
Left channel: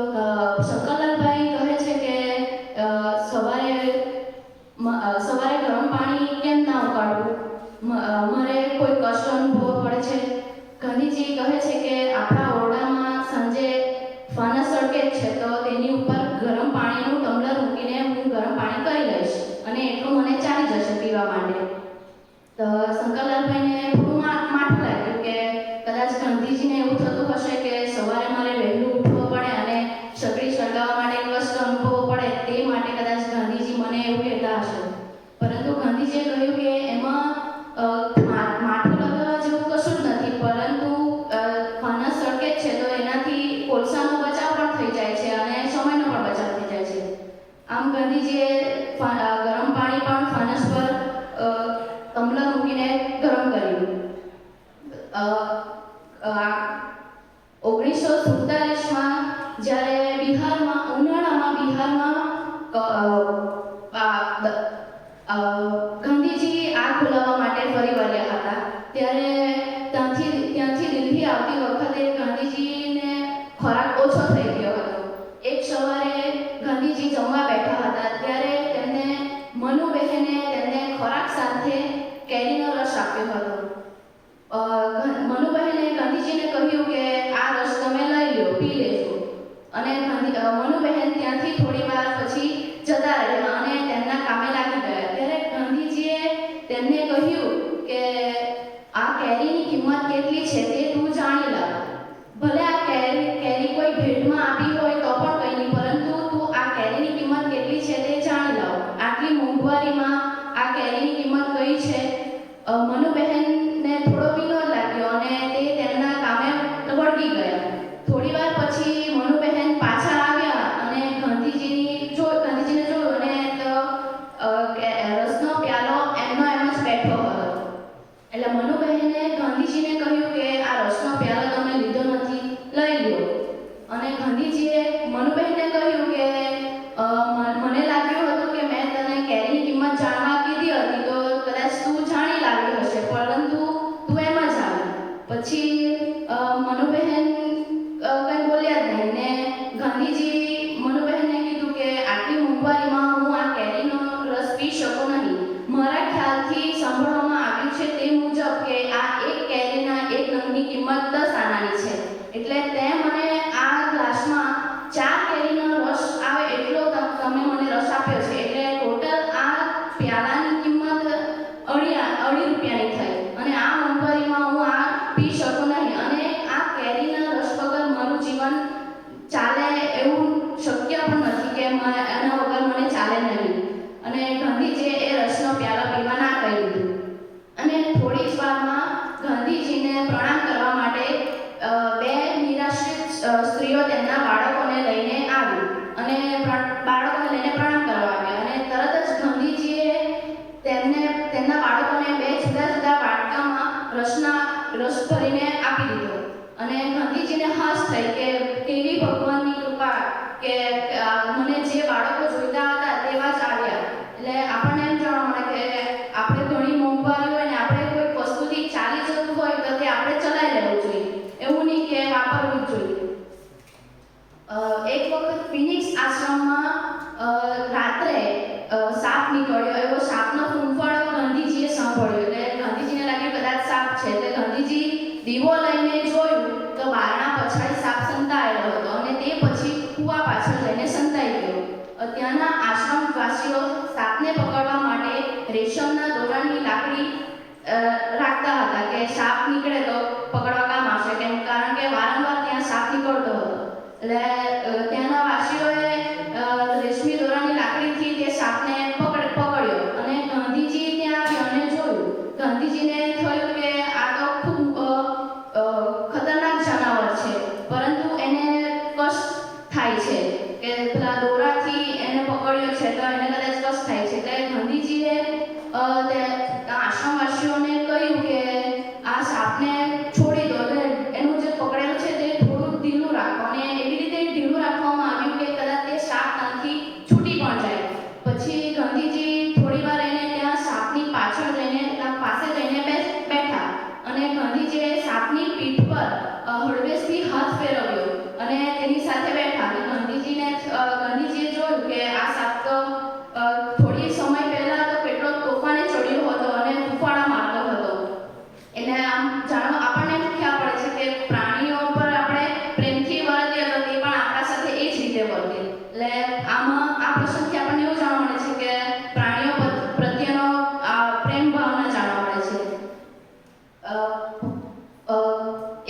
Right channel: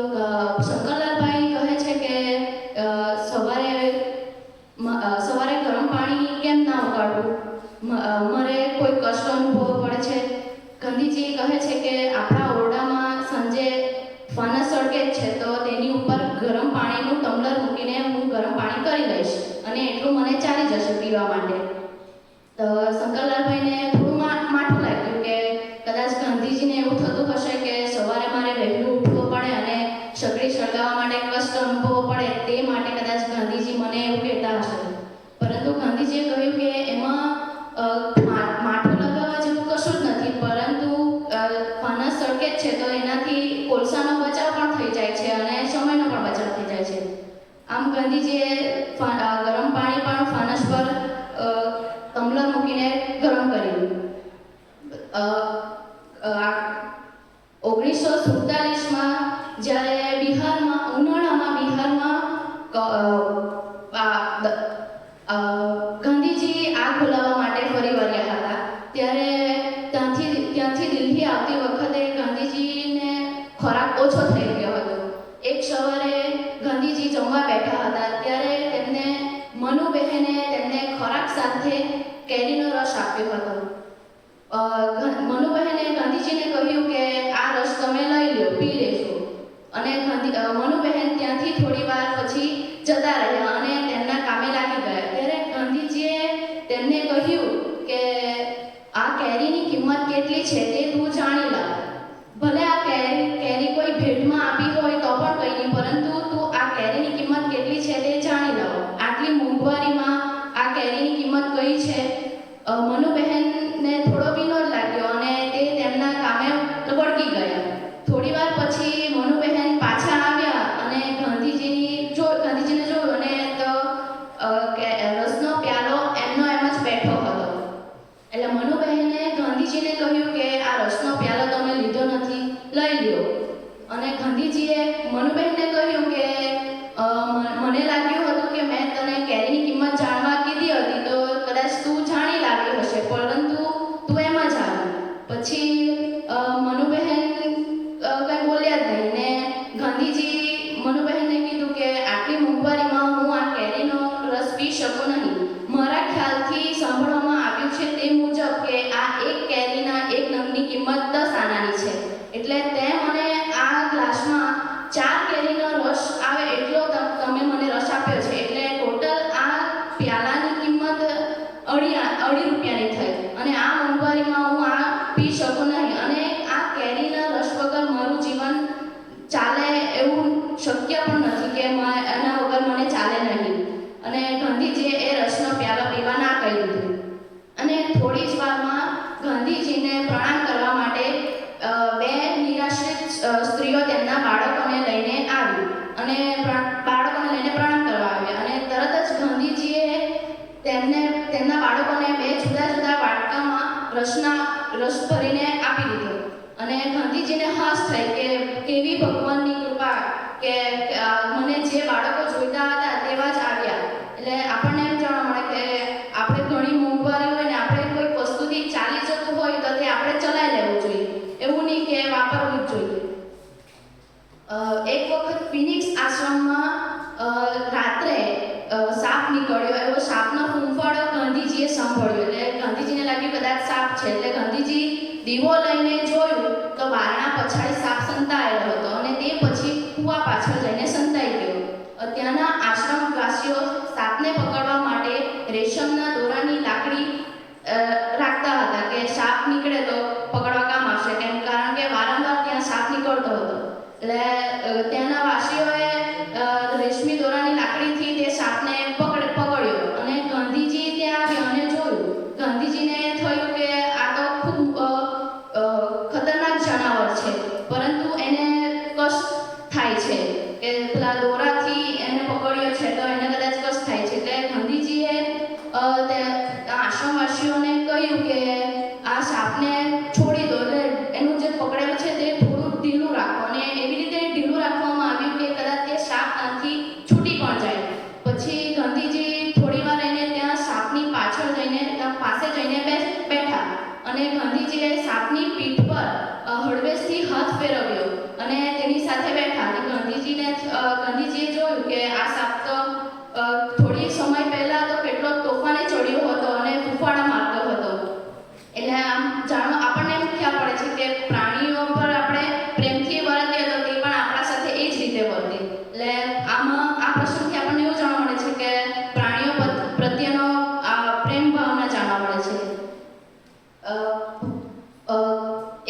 શંકરલાલભાઈ કહે છે કે સવારે ગરમ પાણી કેમ ના ઉકાળવું, મારે કોઈ કષ્ટ અનુભવ પડે છે. ગાંધીજી કહે છે કે આપણા ઓરડામાં સાંજે ફાનસ સળગે જ છે, તો તેની ઉપર ગરમ પાણીનું ટમ્બલર મૂકીને હું ગરમ પાણી કરી લઈશ અને એટલું મને ચાલી જશે પીવા માટે. તો શંકરલાલ આપ્યો હતો. મનુબહેને ગાંધીજીને કહ્યું કે આ રસ તમે લઈ લો, પી લેજો. અને મનુબહેન ત્યાંથી થોડી વાર પછી જતા રહ્યા અને તેમના કામે લાગી ગયા. ત્યારે ગાંધીજીએ તેમને કહ્યું કે આ કેરીની કિંમત કેટલી છે તે તું જાણી લાવ. ભલે આ કેરી કોઈ ભેટમાં આપી હોય તો પણ કંઈ નહીં, પરંતુ તું આ કેરીની કિંમત કેટલી છે તે જાણી લાવ. આટલી મોંઘવારીમાં આ કેરીની કિંમત કઈ છે? મનુબહેનને થોડો વિનોદ લાગ્યો અને તે તેમના કામે વળગી ગયા. થોડી વાર પછી મનુબહેન પાછા આવ્યા અને ગાંધીજીને જોયું અને તો રસનો પ્યાલો એમનો એમ જ બેઠો હતો. એટલે મનુબહેને ગાંધીજીને કહ્યું કે આ રસનો પ્યાલો તમે લીધો નથી, લઈ લ્યો. અને ગાંધીજીએ મનુબહેનને કહ્યું કે મને લાગ્યું હતું કે મેં તને કેરીની કિંમત જાણવા કીધી હતી તો કદાચ તું જાણી લાવ્યો હશે, પરંતુ તું એમ જ આવી. પછી મનુબહેન કંઈ બોલ્યા જ નહીં ને ગાંધીજી મનુબહેનને કીધું કે આટલી મોંઘવારીમાં હું આ કેરીનો રસ પી શકું નહીં. મારા ખ્યાલથી સાંભળવામાં આવ્યું છે તે મુજબ કે આ એક કેરીના એક નંગની કિંમત 10 આનાની છે. એટલે તે મને આ ગ્લાસમાં 4 કેરીનો રસ આવે એટલો તમે મને રસ આપ્યો છે. એટલે ટોટલ આ પ્યાલાની કિંમત અઢી રૂપિયાની થઈ અને આ મોંઘવારીમાં હું આ પી શકું નહીં અને આ કેરીના રસ વગર મારું જીવન ચાલે એવું શક્ય પણ નથી કે એના વગર મને ચાલે નહીં. અને ગાંધીજીએ એ રસનો પ્યાલો પીવા ના કહી દીધું. અને થોડી જ વારમાં ગાંધીજીને પ્રણામ કરવા માટે બે નિરાશ્રિત સ્ત્રીઓ તેમના બાળકોને લઈને આવી અને બાળકોને લઈને પ્રણામ કરવા આવ્યા. અને તરત જ ગાંધીજીએ તેમના બાળકોને 2 જુદા જુદા વાટકામાં રસ ભરીને આપી દીધો. અને ગાંધીજીને હાસ થઈ કે કેવી ભગવાનની કૃપા કે મને જે બાળકો જોઈતા હતા તેવા જ આવ્યા. એટલે આપણને એમ જાણવા મળે કે આપણે ઘણી મોંઘવારી હોય ને આપણે કોઈક વસ્તુથી ચાલી જતું હોય તો તે આપણે ચલાવી લેવું જોઈએ, એવું નહીં કે વાપરવું જ જોઈએ. એક વખત ફિનિક્સ આશ્રમમાં રાત્રે સાપ નીકળ્યો. એવો સાપનો ફૂંફાળો ગાંધીજીએ સાંભળ્યો. એટલે ગાંધીજીને લાગ્યું કદાચ સાપ છે. એટલે ગાંધીજી દીવો લઈને જોયું તો બારણા પછાડી સાપ સંતાયેલો હતો અને તે પછી કૂવા પાછળ જઈને સંતાઈ ગયો. ત્યાંના આશ્રમવાસીઓ સાપને પકડવા માટે રેશમના દોરાની લાકડી રાખતા હતા કે સાપ નીકળે તો પકડવા કામ આવશે, કારણ કે વારંવાર ત્યાં સાપ નીકળતો હતો. એટલે ત્યાંના વાસીઓએ રેશમી દોરાની લાકડીથી તે સાપને પકડ્યો અને ગાંધીજી ત્યાં આવ્યા અને જોયું. ગાંધીજીને થયું કે આ તો ખૂબ ખતરનાક જાનવર છે, પરંતુ એને કષ્ટ થાય છે કે પેલા દોરાથી એને પકડ્યો છે તો એને કદાચ કષ્ટ થાય છે. એટલે ગાંધીજીએ આશ્રમવાસીઓને કહ્યું કે આ સાપને છોડી દો, એટલે એનું જે પકડેલું છે તે થોડું ઢીલું રાખો. અને એવી રીતે ઢીલું રાખવામાં આવ્યું કે કદાચ તે સાપ ત્યાંથી છૂટી પણ જાય. પછી ગાંધીજી થોડી વાર એને ત્યાં સાપની પાછળ જઈને પાસે જઈને બેઠા અને ગાંધીજીએ સાપની પીઠ પર હળવેશથી હાથ ફેરવ્યો અને તેની સાથે બેઠા. અને ગાંધીજીએ જોયું કે આ સાપ તો થોડી સમય પહેલા તો કેટલો તોફાને ચડ્યો હતો અને ફૂફાડા મારતો હતો. એટલે આમ આપણને એમ ખ્યાલ પડે છે કે પ્રાણીઓ પર આપણે પ્રેમથી વર્તીએ તો તે પણ આપણા સાથે એ જ રીતે વર્તે. એટલે આમાં આ પ્રસંગથી આપણને એવું જાણવા મળે છે કે પ્રાણીઓ પ્રત્યેનો પ્રેમ ભાવના જાણવા મળે છે.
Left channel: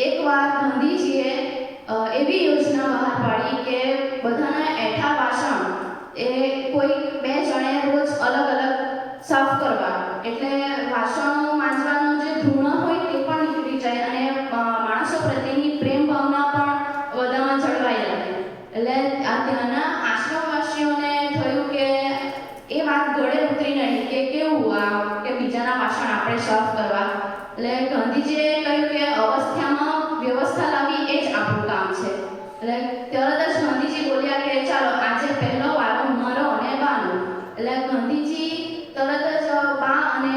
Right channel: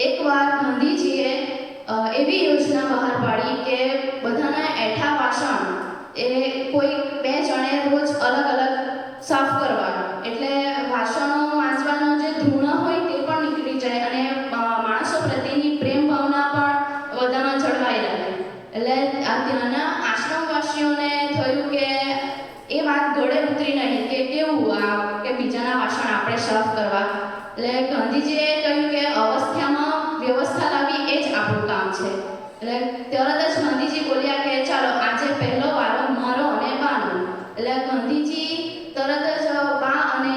એકવાર ગાંધીજીએ એવી યોજના બહાર પાડી કે બધાના એઠા વાસણ એ કોઈ 2 જણે રોજ અલગ અલગ સાફ કરવા. એટલે વાસણો માંજવાનો જે ધૂણો હોય તે પણ નીકળી જાય અને માણસો પ્રત્યેની પ્રેમ ભાવના પણ બધામાં જળવાઈ રહે. એટલે ત્યાંના આશ્રમવાસીઓને થયું કે એ વાત ગળે ઉતરી નહીં કે કેવું કે બીજાના વાસણ આપણે સાફ કરવા. એટલે ગાંધીજીએ કહ્યું કે અવસ્થામાં વ્યવસ્થા લાવવી એ જ આપણું કામ છે. એટલે તરત જ ગાંધીજી બોલ્યા કે ચાલો આજે પહેલો વારો મારો અને બાનો. એટલે ગાંધીજી તરત જ બા અને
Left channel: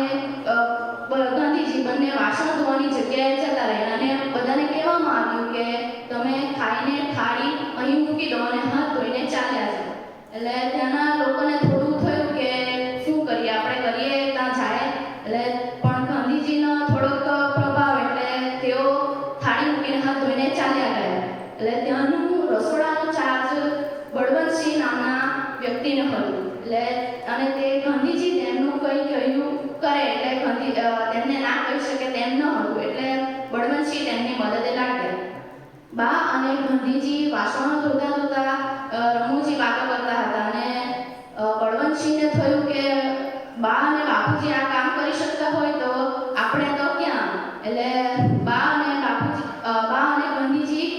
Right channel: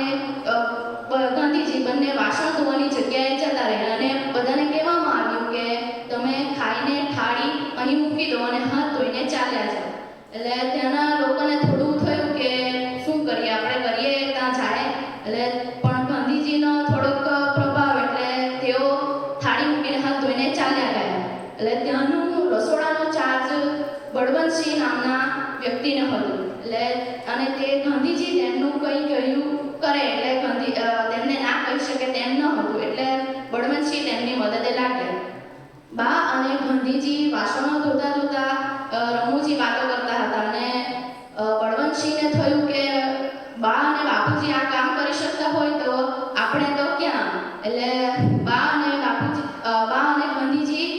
ગાંધીજી બંને વાસણ ધોવાની જગ્યાએ જતા રહ્યા અને બધાને કહેવામાં આવ્યું કે તમે ખાઈને થાળી અહીં મૂકી દો અને હાથ ધોઈને ચાલ્યા જાઓ. એટલે ત્યાંના લોકોને થોડું થયું કે શું કરીએ, આપણે કરીએ ત્યાં જાય. એટલે પણ ગાંધીજી ગાંધીજી વાસણો ધોતા ધોતા રમૂજી વાતો કરતા હતા અને બળવંતસિંહને થયું કે બા અને બાપુજી આ કામ કરી શકતા હોય તો આપણે તો ક્યાં, એટલે બા અને ગાંધીજી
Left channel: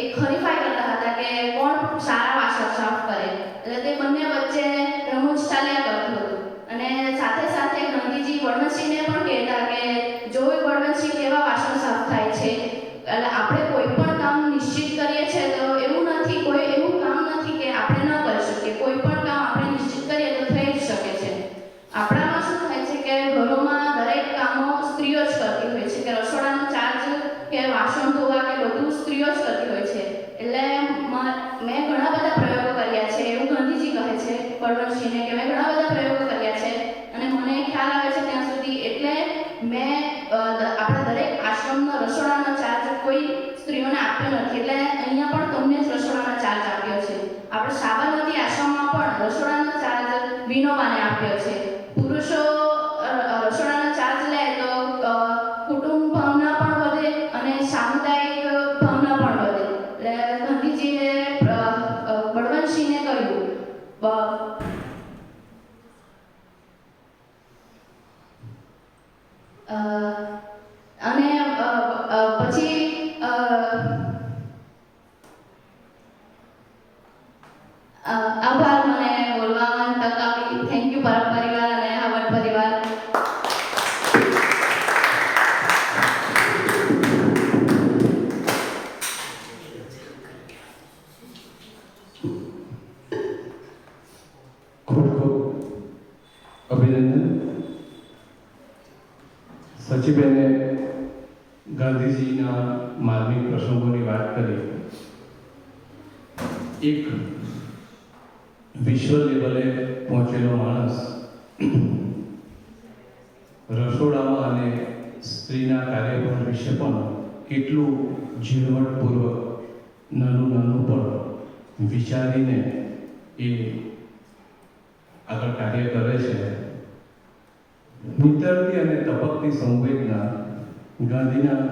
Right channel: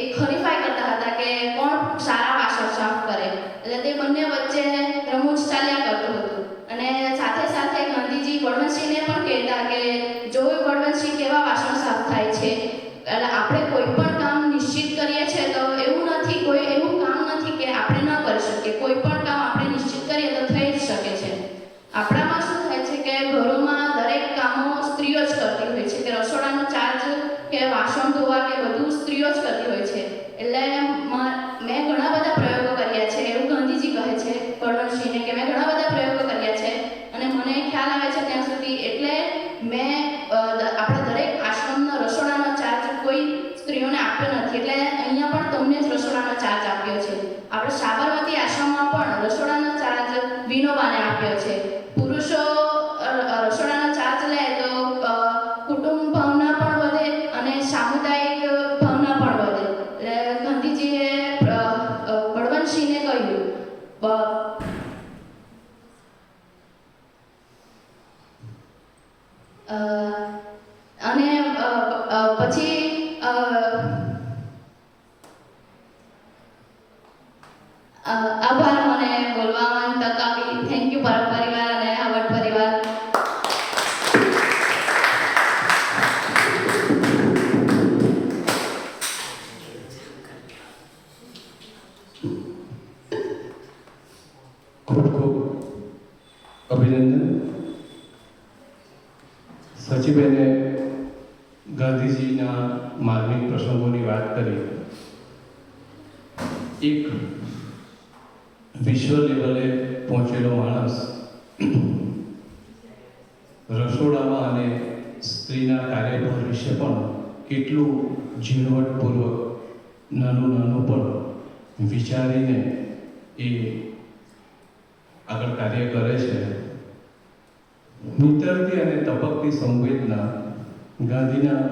એક હરીફાઈ કરતા હતા કે કોણ સારા વાસણ સાફ કરે, એટલે તે બંને વચ્ચે રમૂજ ચાલ્યા કરતું હતું. અને સાથે સાથે ગાંધીજી બળવંતસિંહને પણ કહેતા કે જો બળવંતસિંહ કેવા વાસણ સાફ થાય છે, એટલે આપણે કોઈ પણ કામ નિશ્ચિત કરીએ છીએ તો એવું નથી, કોઈ એવું કામ નથી કે આપણે ન કરી શકીએ. કોઈ પણ કામ આપણે નિશ્ચિત કરીએ તો થઈ જ શકે છે. આપણામાં શું થાય છે કે ઘરોમાં દરેક કામો સ્ત્રીઓ જ કરતી હોય છે, કે રસોડાનો ચાર્જ કે વાસણ ધોવા કે બધું સ્ત્રીઓ જ કરતી હોય છે. એટલે મેં ઘણા બધા પ્રયોગો કર્યા છે, એવું ગાંધીજી કહે છે બળવંતસિંહને કે મેં ઘણા બધા પ્રયોગો કર્યા છે અને મને ખ્યાલ આવે છે ત્યાં સુધી, એટલે મેં આપણા દરેક આશ્રમનો રસોડાનો ચાર્જ કોઈ સ્ત્રીઓને આપ્યો નથી. એટલે અહીંયા પણ તમને જ રસોડાનો ચાર્જ આપ્યો છે. આપણે સાબરમતી આશ્રમમાં પણ રસોડાનો ચાર્જ વિનોબાને આપ્યો છે. પુરુષો રસોડાનો ચાર્જ લે તો કુટુંબ ભાવના પણ વધે અને સામુદાયિક ભાવના પણ વધે. એટલે ગાંધીજીએ બળવંતસિંહને કહ્યું અને પછી આભાર મને બોલવાની તક આપી. થેન્ક યુ પરમ પરિવાર અને હવટ પરિવાર. ખૂબ ખૂબ અભિનંદન. સચિબેને ગાંધીજીના માર્મિક પ્રસંગોની વાત કરી. એક વિશ્વ લેવલે પહોંચેલો માણસ રસોડામાં અને સ્ત્રીના કાર્યભાર વિશે પણ કેટલું ઝીણવટપૂર્વક નાનું પણ વિચારીને એ આગળ કાર્ય કરે છે. નીતરતી અને તપકતી સંવેદના ગાંધીના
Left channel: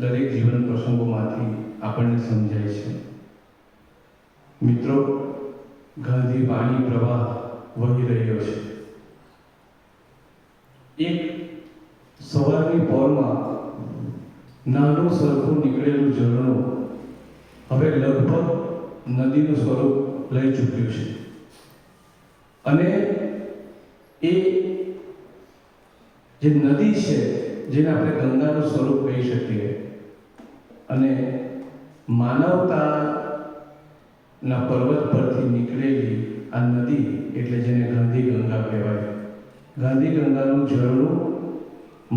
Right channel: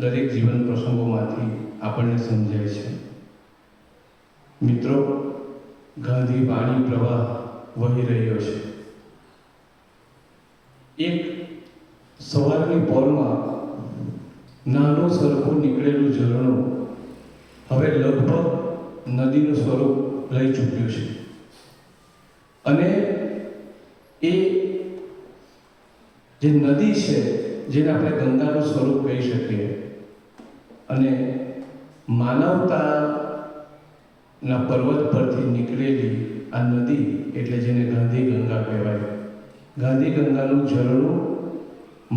દરેક જીવન પ્રસંગોમાંથી આપણને સમજાય છે. મિત્રો, ગાંધી વાણી પ્રવાહ વહી રહ્યો છે. એક સવારની પોરમાં નાનું સરખું નીકળેલું ઝરણું હવે લગભગ નદીનું સ્વરૂપ લઈ ચૂક્યું છે અને એ જે નદી છે જેને આપણે ગંગાનું સ્વરૂપ કહી શકીએ અને માનવતાના પર્વત પરથી નીકળેલી આ નદી એટલે જેને ગાંધી ગંગા કહેવાય. ગાંધી ગંગાનું ઝરણું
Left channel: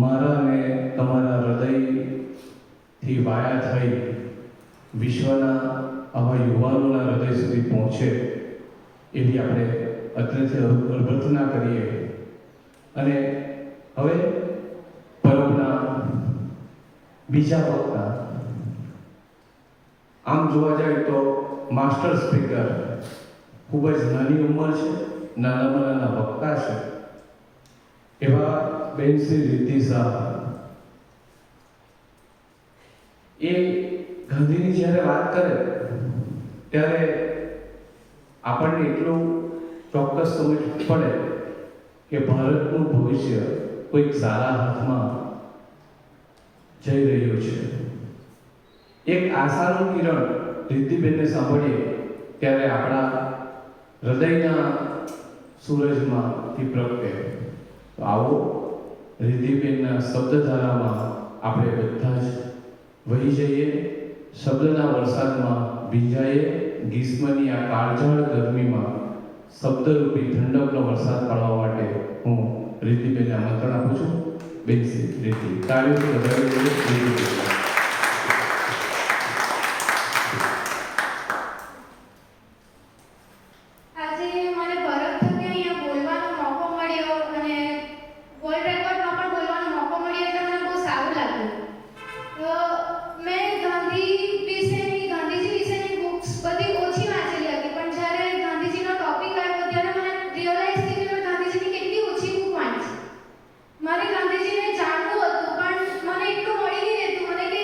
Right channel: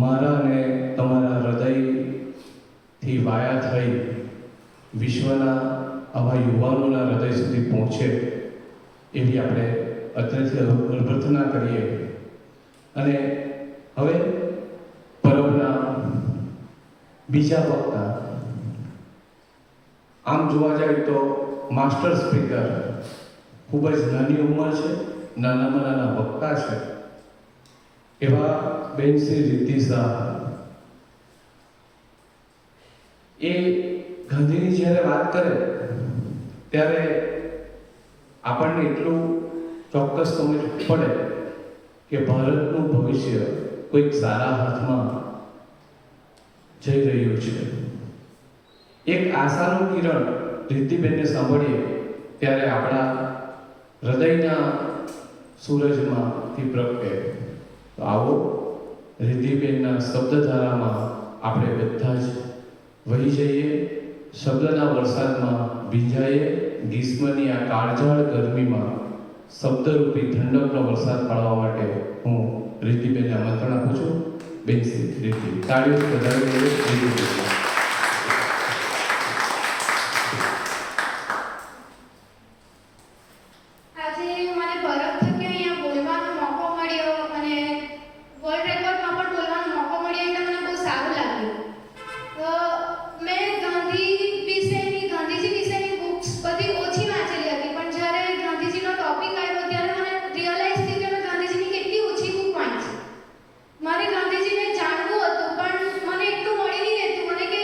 મારા અને તમારા હૃદયથી વાયા થઈ વિશ્વના આવા યુવાનોના હૃદય સુધી પહોંચે એવી આપણે અત્રેથી અભ્યર્થના કરીએ. અને હવે પરબના બીજા વક્તા, આમ જોવા જાય તો માસ્ટર સ્પીકર, ખૂબ જ નાની ઉંમર છે, નાનામાં નાના વક્તા છે એવા બેન શ્રી રિદ્ધિ શાહ. એ ગાંધીની જ્યારે વાત કરે ત્યારે આપણને એટલું ચોક્કસ સમજ પડે કે ભારતનું ભવિષ્ય કોઈક સારા હાથમાં જઈ રહ્યું છે. એક આશાનું કિરણ રિદ્ધિબેનને સાંભળીએ ત્યારે આપણા હૃદયના સૂરજમાંથી પ્રગટે. તો આવો રિદ્ધિબેનના શબ્દધારામાં આપણે બધા જ વહી જઈએ, શબ્દના વરસાદમાં ભીંજાઈએ. ગ્રીષ્મની આ કાળઝાળ ગરમીમાં શબ્દરૂપી ઠંડકનો વરસાદ પાડવા માટે હું રિદ્ધિબેનને આમંત્રણ આપું છું. બેન શ્રી રિદ્ધિ, તાળીઓથી વધાવી દઈએ રિદ્ધિબેન. આજે મને ભરત થકી અહીંયા બોલવાનો મોકો મળ્યો અને વર્લ્ડ રેકોર્ડમાં પણ બોલવાનો મોકો મળ્યો એટલે મને બહુ સારું લાગ્યું. તો મેં ગાંધીજી વિશેની બુક્સ બધી ઓછી વાંચેલી હતી, પણ જ્યારે ગાંધીજીનો ટોપિક આવ્યો ત્યારે મને રિયલાઇઝ થયું કે મેં ગાંધીજીની કેટલી ઓછી બુક વાંચી. મારે ગાંધીજીને જાણવું હતું પણ મને એટલું મળી નહીં રહેતું. મને કે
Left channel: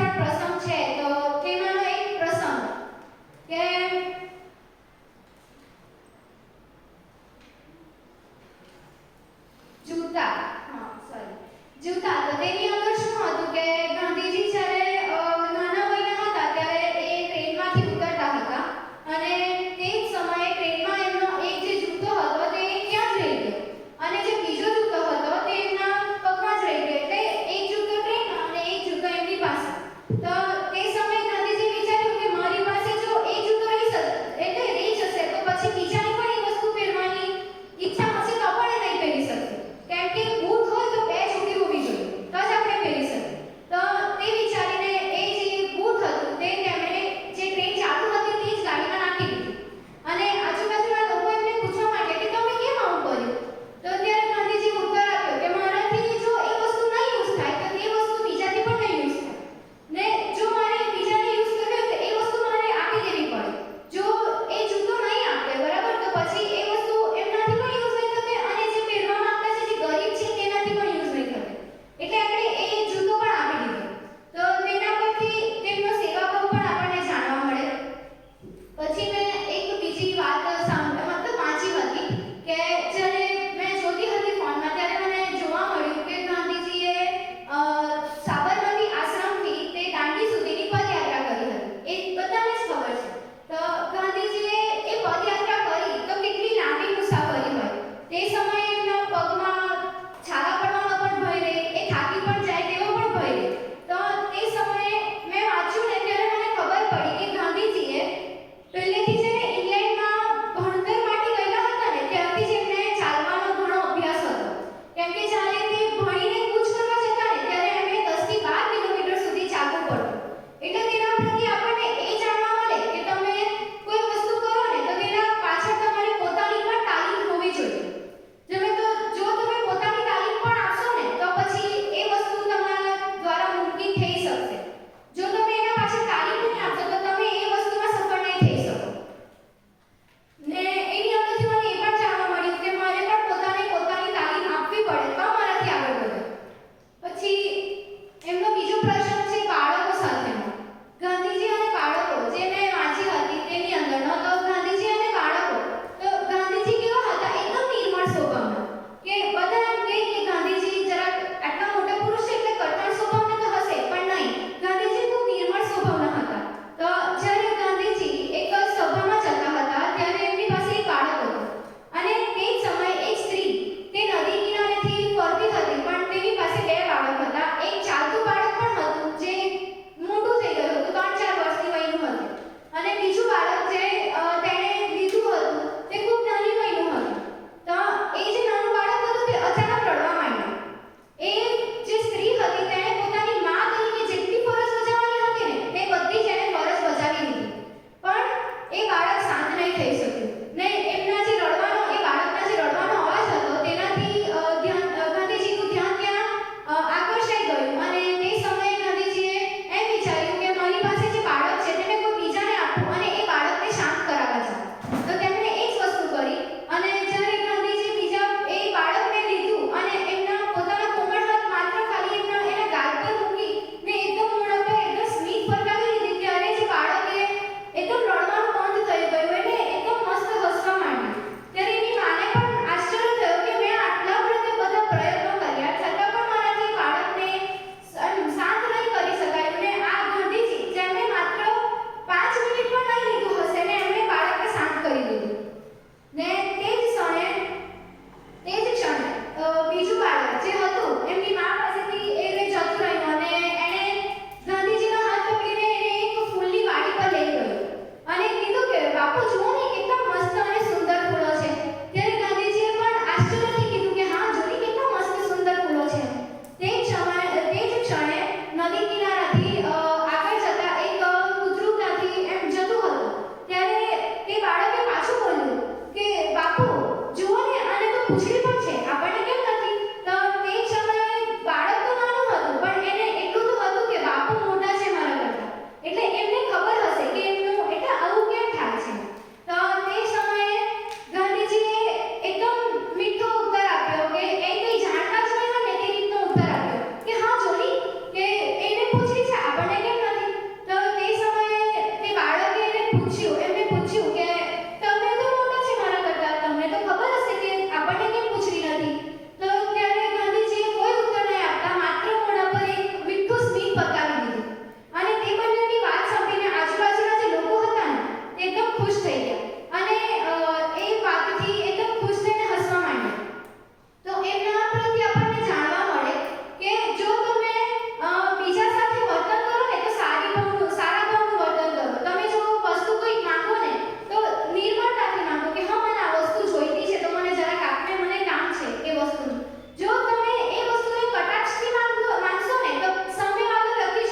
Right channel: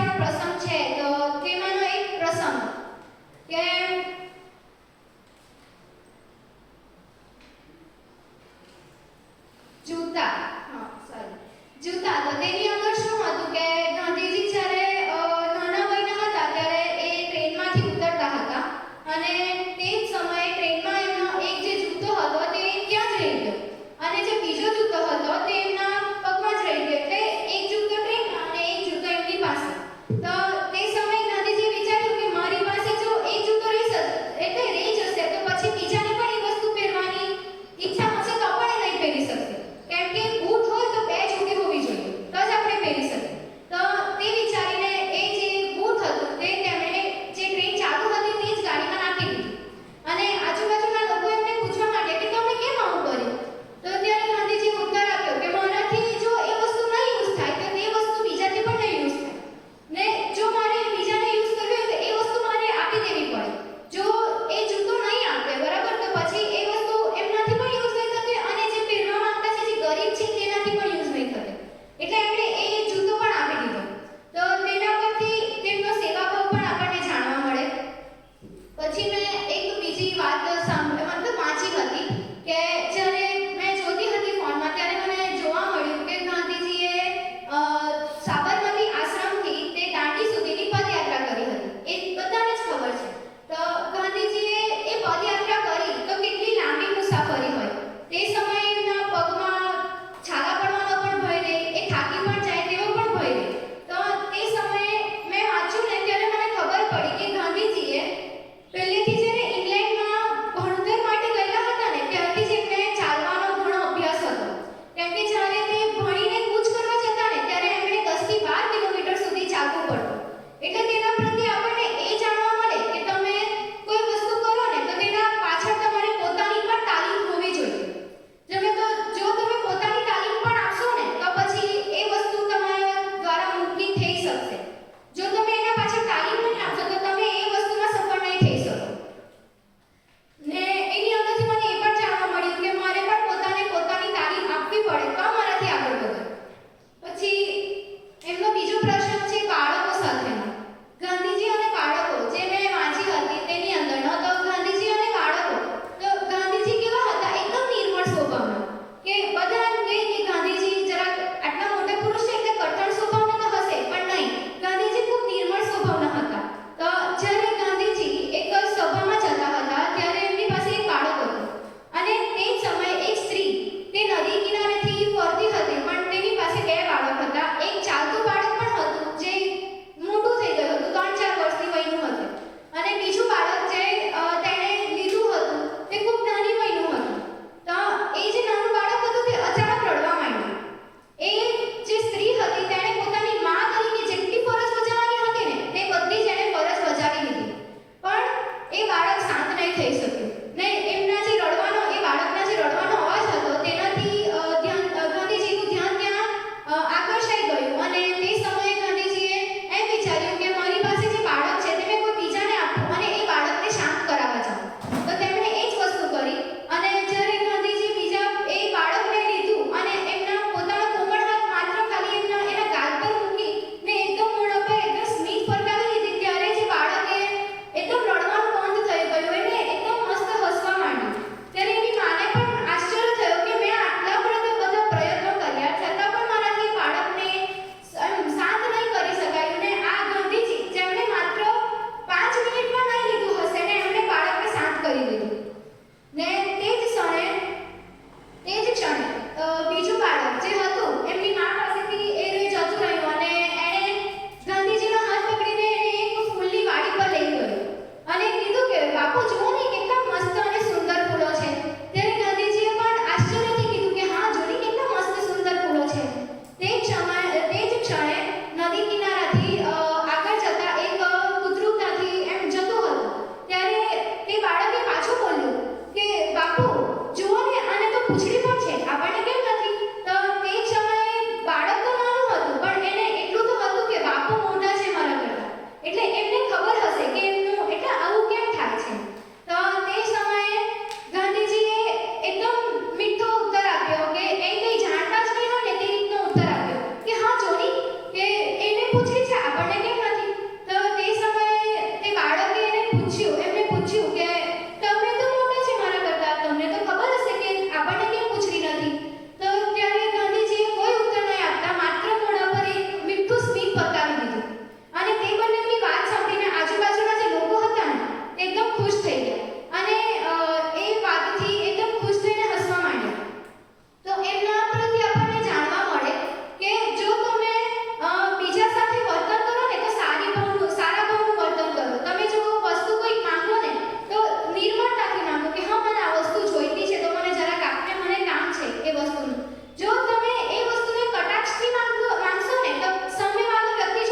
ત્રણ પ્રસંગ છે તો તેમાંનો એક પ્રસંગ કે જૂતા જૂતા તો તેની અંદર શું હતું કે ગાંધીજી જ્યારે નાના વયના હતા ત્યારે એ ટ્રેનમાંથી ઉતરતા હતા અને તે જ સમયે ટ્રેનમાં એમનો એક જે જૂતો હતો તે ત્યાં જ રહી ગયો અને જે બીજો જૂતો હતો તે એમના પગમાં જ રહી ગયો એટલે એક જૂતો ટ્રેનમાં અને એક જૂતો એમની પાસે તો તે સમયે ગાંધીજીએ વિચાર્યું કે મારી પાસે જો એક જૂતો રહી જશે તો પછી બીજાની પણ એ વસ્તુ પહેરવાની ઈચ્છા હશે તો પણ એ નહીં પહેરી શકશે કેમ કે બૂટ હોય તો બે જોડી હોવી જોઈએ તો જ આપણે પહેરી શકીએ તો તે વિચારીને એ જે બૂટ હતું તે તેમણે જે ટ્રેન ચાલુ હતી તે જ ગાડીમાં નાખી દીધું અને આજુબાજુના લોકો એમને પૂછવા માંડ્યા કે તમે કેમ આવું કર્યું તો ત્યારે ગાંધીજી ઉત્તર આપ્યો કે મારાથી જો એ વસ્તુ નહીં યુઝ થાય તો તે વસ્તુ બીજાથી પણ નહીં યુઝ થાય ને જો મારે બીજાને યુઝ કરવી હોય તો એ વસ્તુ મારે આપી દેવી પડે જો એ જૂતો નહીં આપે બરાબર તો પછી એ વસ્તુ એમનાથી પણ યુઝ નહીં થશે અને જે પહેરવા માંગતા છે જે ગરીબ છે તેનાથી પણ યુઝ નહીં થશે એટલે એમણે એ જૂતો પણ આપી દીધો તો તેના પરથી તેમનો સેવાભાવ પણ આપણને જાણવા મળે પછી મેં એક બીજી વાત વાંચી હતી કે જ્યારે મેં જોતી હતી ફોનમાં ત્યારે મને જોવા મળ્યું કે ગાંધીજીએ સાબરમતી આશ્રમથી તે દાંડી સુધીની પદયાત્રા કરી હતી એ બધાને જ ખબર છે તો ગાંધીજીએ એ પદયાત્રા કરી તો કેટલી લાંબી મુસાફરી હોય તે સમયે એમના પગમાં છાલા પડવાનો પણ ભય રહે એ થાકી પણ જાય તેવો પણ ભય રહે તો તે સમયે મેં વાંચ્યું ને ત્યારે મને ખબર પડી કે ગાંધીજીએ પહેલેથી જ્યારે ઇંગ્લેન્ડમાં ભણતર માટે ગયેલા હતા ને ત્યારથી જ એમને ચાલવાનો ઘણો અભ્યાસ હતો કેમ કે જ્યારે તે ભણીને કૂચ કરવા જતા ને ત્યારે એમણે 10 થી 12 કિલોમીટર સુધી ચાલવું પડતું એટલે તેના પ્રત્યે આપણને એ જાણવા મળે કે તમે કોઈ વસ્તુ કરો ને તો તેના પાછળ તમારી પોતાની પણ તાલીમ હોવી જોઈએ જો તમે પોતાની તાલીમ પણ આપશો ને તો પછી એ વસ્તુ તમારા દ્વારા મુમકિન થઈ શકશે જો તમે એના પાછળ તાલીમ નહીં આપશો તો તમે એ વસ્તુમાં સફળ નહીં થઈ શકો ને એની અંદરથી મને એ પણ જાણવા મળ્યું કે મારે પણ પોતાની તાલીમ આપવી પડે તો મારાથી આગળ વધે પછી એમનો બીજો પ્રશ્ન છે બાળકો સાથેનો ગાંધીજીએ સિંહ પતાવી દીધું. અને તે બંનેની વાત સાંભળીને આજુબાજુના જે લોકો હતા ને તે એકદમ ખુશ થઈ ગયા અને એ વાતથી એકદમ ખુશ થઈને હસવા માંડ્યા. તો એમના પરથી આપણને જાણવા મળે કે જો તમે બીજા સાથે વર્તન કરો ને તો સારા ભાવનું વર્તન કરો. તમે જો વસ્તુ કોઈ માંગો ને તો નિર્મળતાથી માંગો કે હા મને આ વસ્તુ જોઈતી છે તો મને જરાક આપને, મને કામ છે એ વસ્તુનું. જો તમે એ વસ્તુને કટાક્ષથી માંગશો ને તો સામેવાળો વ્યક્તિ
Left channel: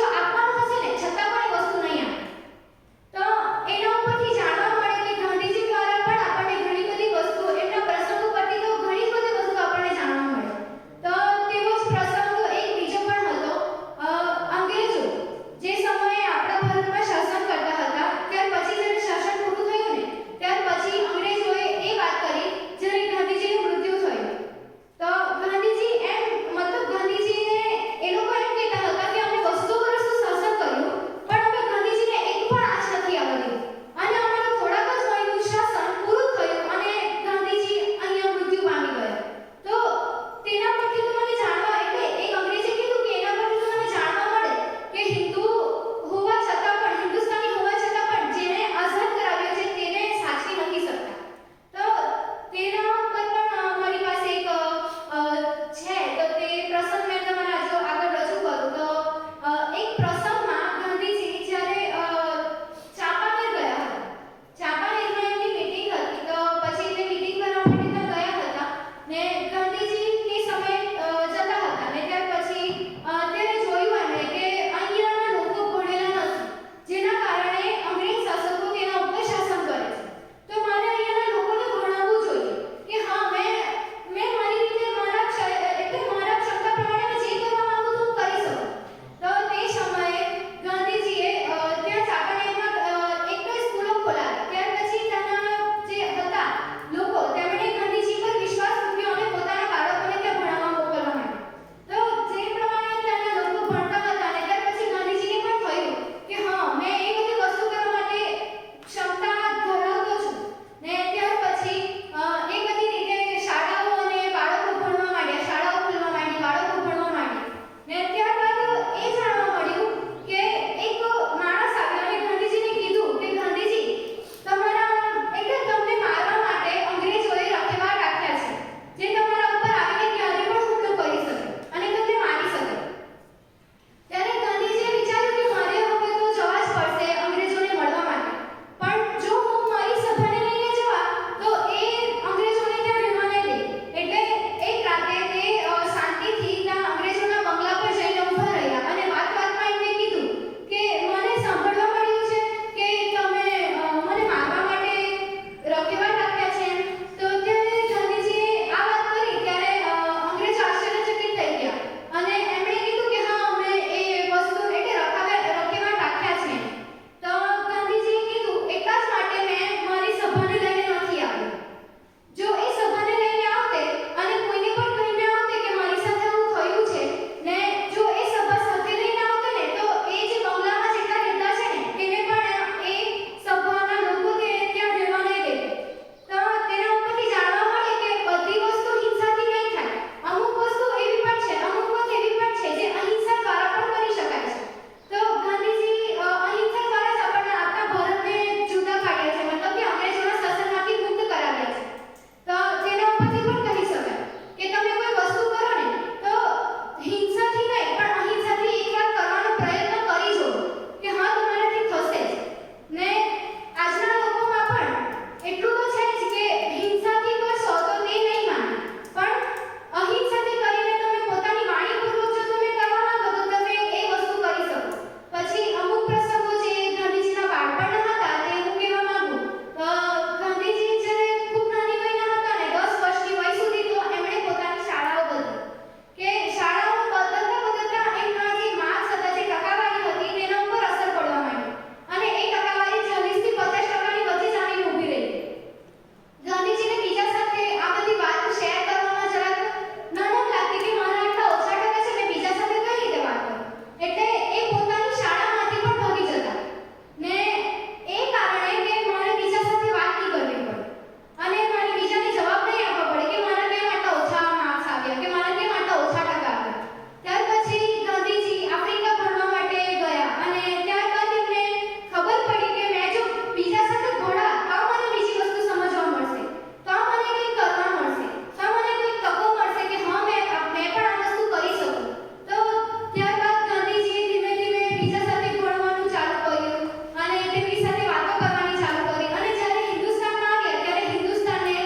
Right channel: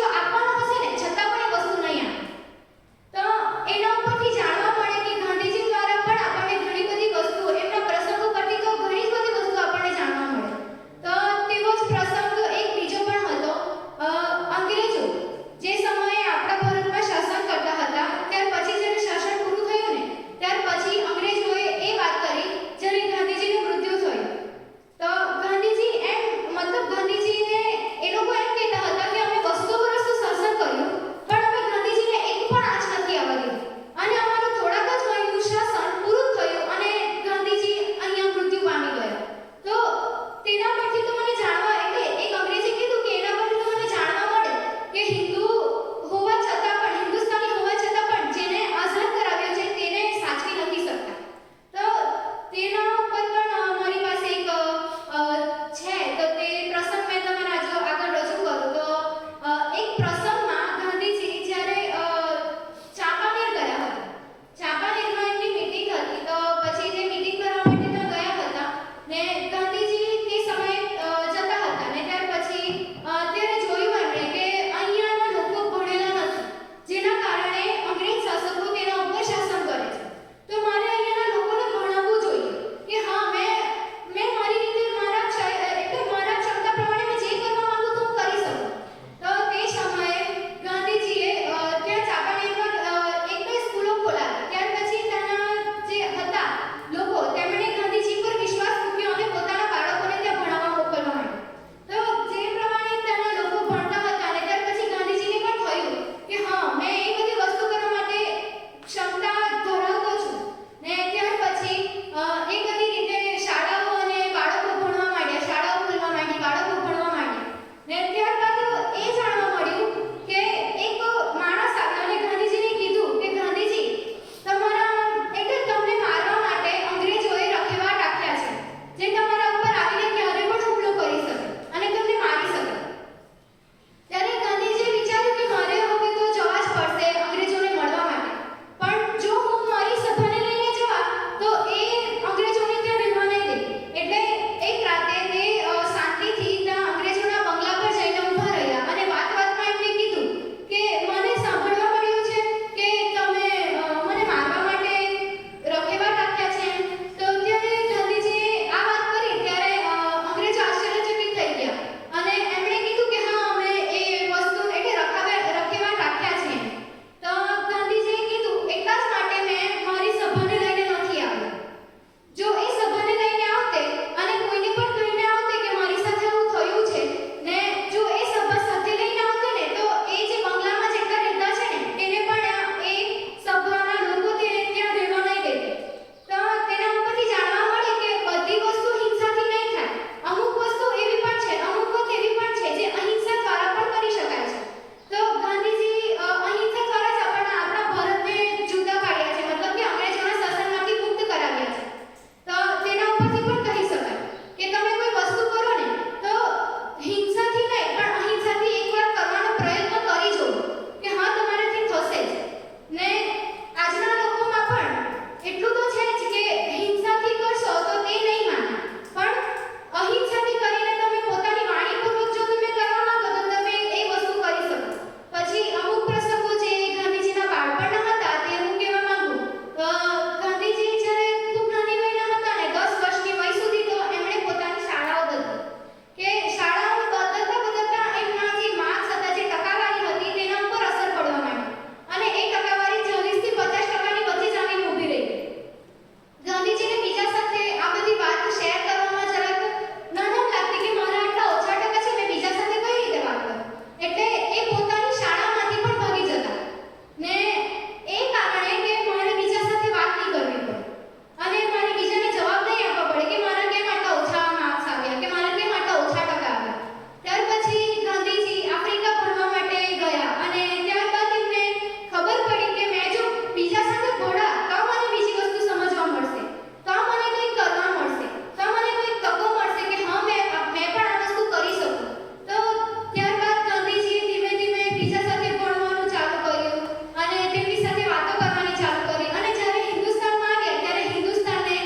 બીજા સાથે ભણવાનું ચાલુ કર્યું અને તેમની સાથે વાતો કરવાની ચાલુ કરી અને જ્યારે હિન્દુસ્તાનમાં આવ્યા ત્યારે હિન્દુસ્તાને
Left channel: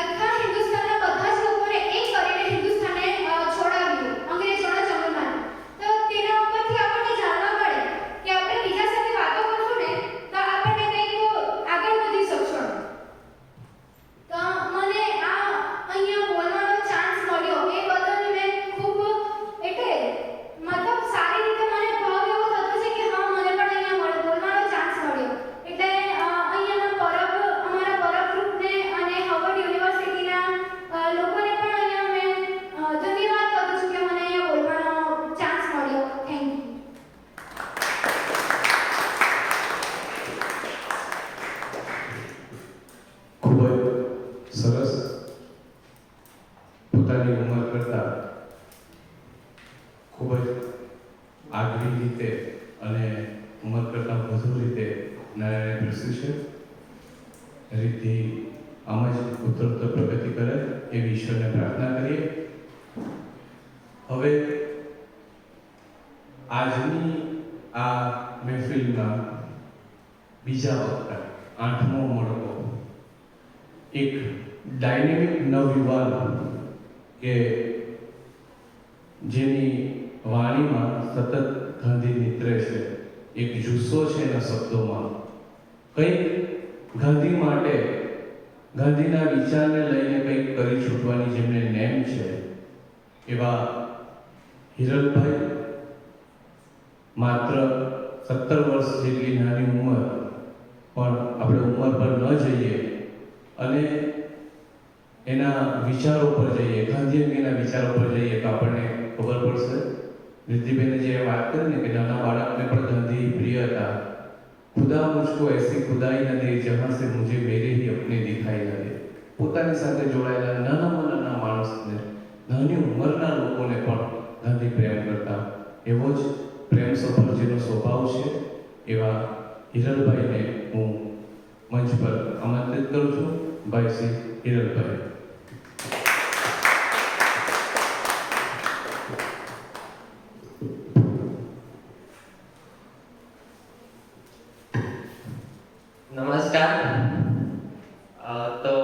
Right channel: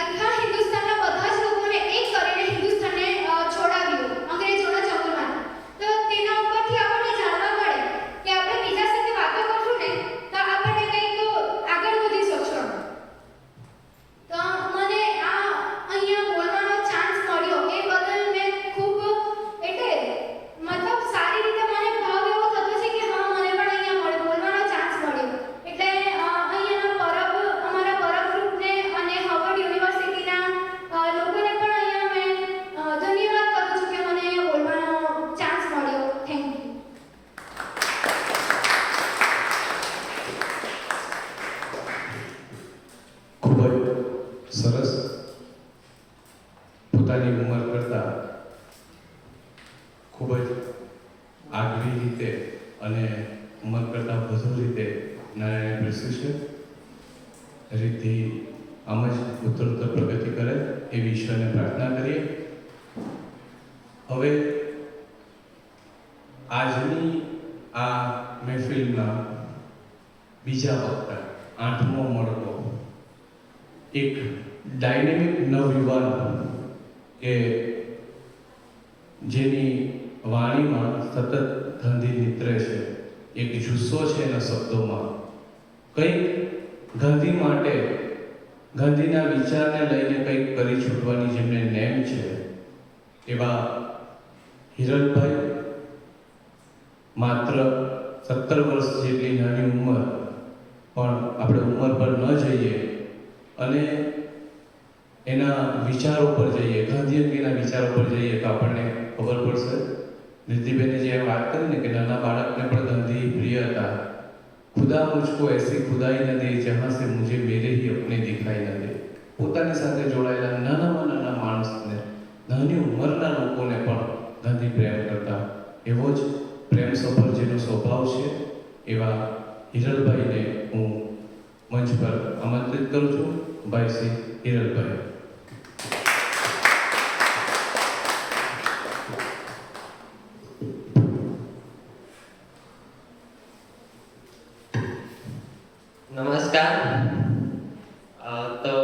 આખા હિન્દુસ્તાનના બધા જ લોકોને એક કરીને હિન્દુસ્તાનને છોડાવ્યું અંગ્રેજોના ચંગુલમાંથી. તો તેના ઉપરથી આપણને જાણવા મળે કે આપણે બીજા સાથે વાતો કરશું ને તો આપણને કંઈક આગળ વધી શકશો. તો મને આ અહીંયા બોલવાનો ચાન્સ મળ્યો એ બદલ મેં ખૂબ એટલે મતલબ સારી રીતે મને ભાવ એવો થતો છે કે હા મને પણ અહીંયા બોલવાનો ચાન્સ મળ્યો. એટલે અહીંયાના અમારા પરબ ગ્રુપને અને હાર્વર્ડ યુનિવર્સિટીના લોકોને પણ અહીંયા મેં ધન્યવાદ કરું છું કે મને અહીંયા બોલવાનો ચાન્સ મળ્યો. Thank you. ખૂબ જ સરસ. પોતાની ઉંમર કરતાં ખૂબ જ આગવી રીતે અને ઉંમર કરતાં વધુ રીતે નારાયણે પ્રસ્તુત છે. રીતિ આમ જ ઉત્તરોત્તર પ્રગતિ કરે એવી ઈશ્વરને પ્રાર્થના કરીએ. હવે આજની આ મહેફિલના બીજા વક્તા 8મો મળતો એક ડાયનેમિક નવયુવાન કે જેની વાણીમાં સતત ગાંધી નીતરે છે, એક જુસ્સો છે એના શબ્દોમાં, કંઈક ગાંધી માટે ગાંધીના વિચારને લઈને કંઈક કરી છૂટવાની જેમને નેમ છે એવા હિરલભાઈ માત્ર 17 વર્ષ જેટલી નાની ઉંમર પણ આપણે ઉંમર પર ન જઈએ અને એના વિચારો પર જઈએ, ગાંધી અંગેના વિચારો પર જઈએ તો આપણને ખબર પડશે. નિધિબેને જે વાત કરી ને કે નાના બાળકને પણ ગાંધી પ્રિય હતા. ખુદા મુझको ऐसी खुदाई न दे जहाँ से मुझे मेरे ही अपने दिखाई न दे. પોતાની સાથે જોડાયેલા નાનામાં નાના માણસને, નાની ઉંમરના લોકોને પણ ગાંધી પ્રેમ કરતા. એવો જ પ્રેમ સફળ જેનો સ્વભાવ છે એવા હિરલભાઈને હું મંચ પર આમંત્રિત કરું છું. ભાઈ શ્રી હિરલભાઈ. નમસ્કાર. તો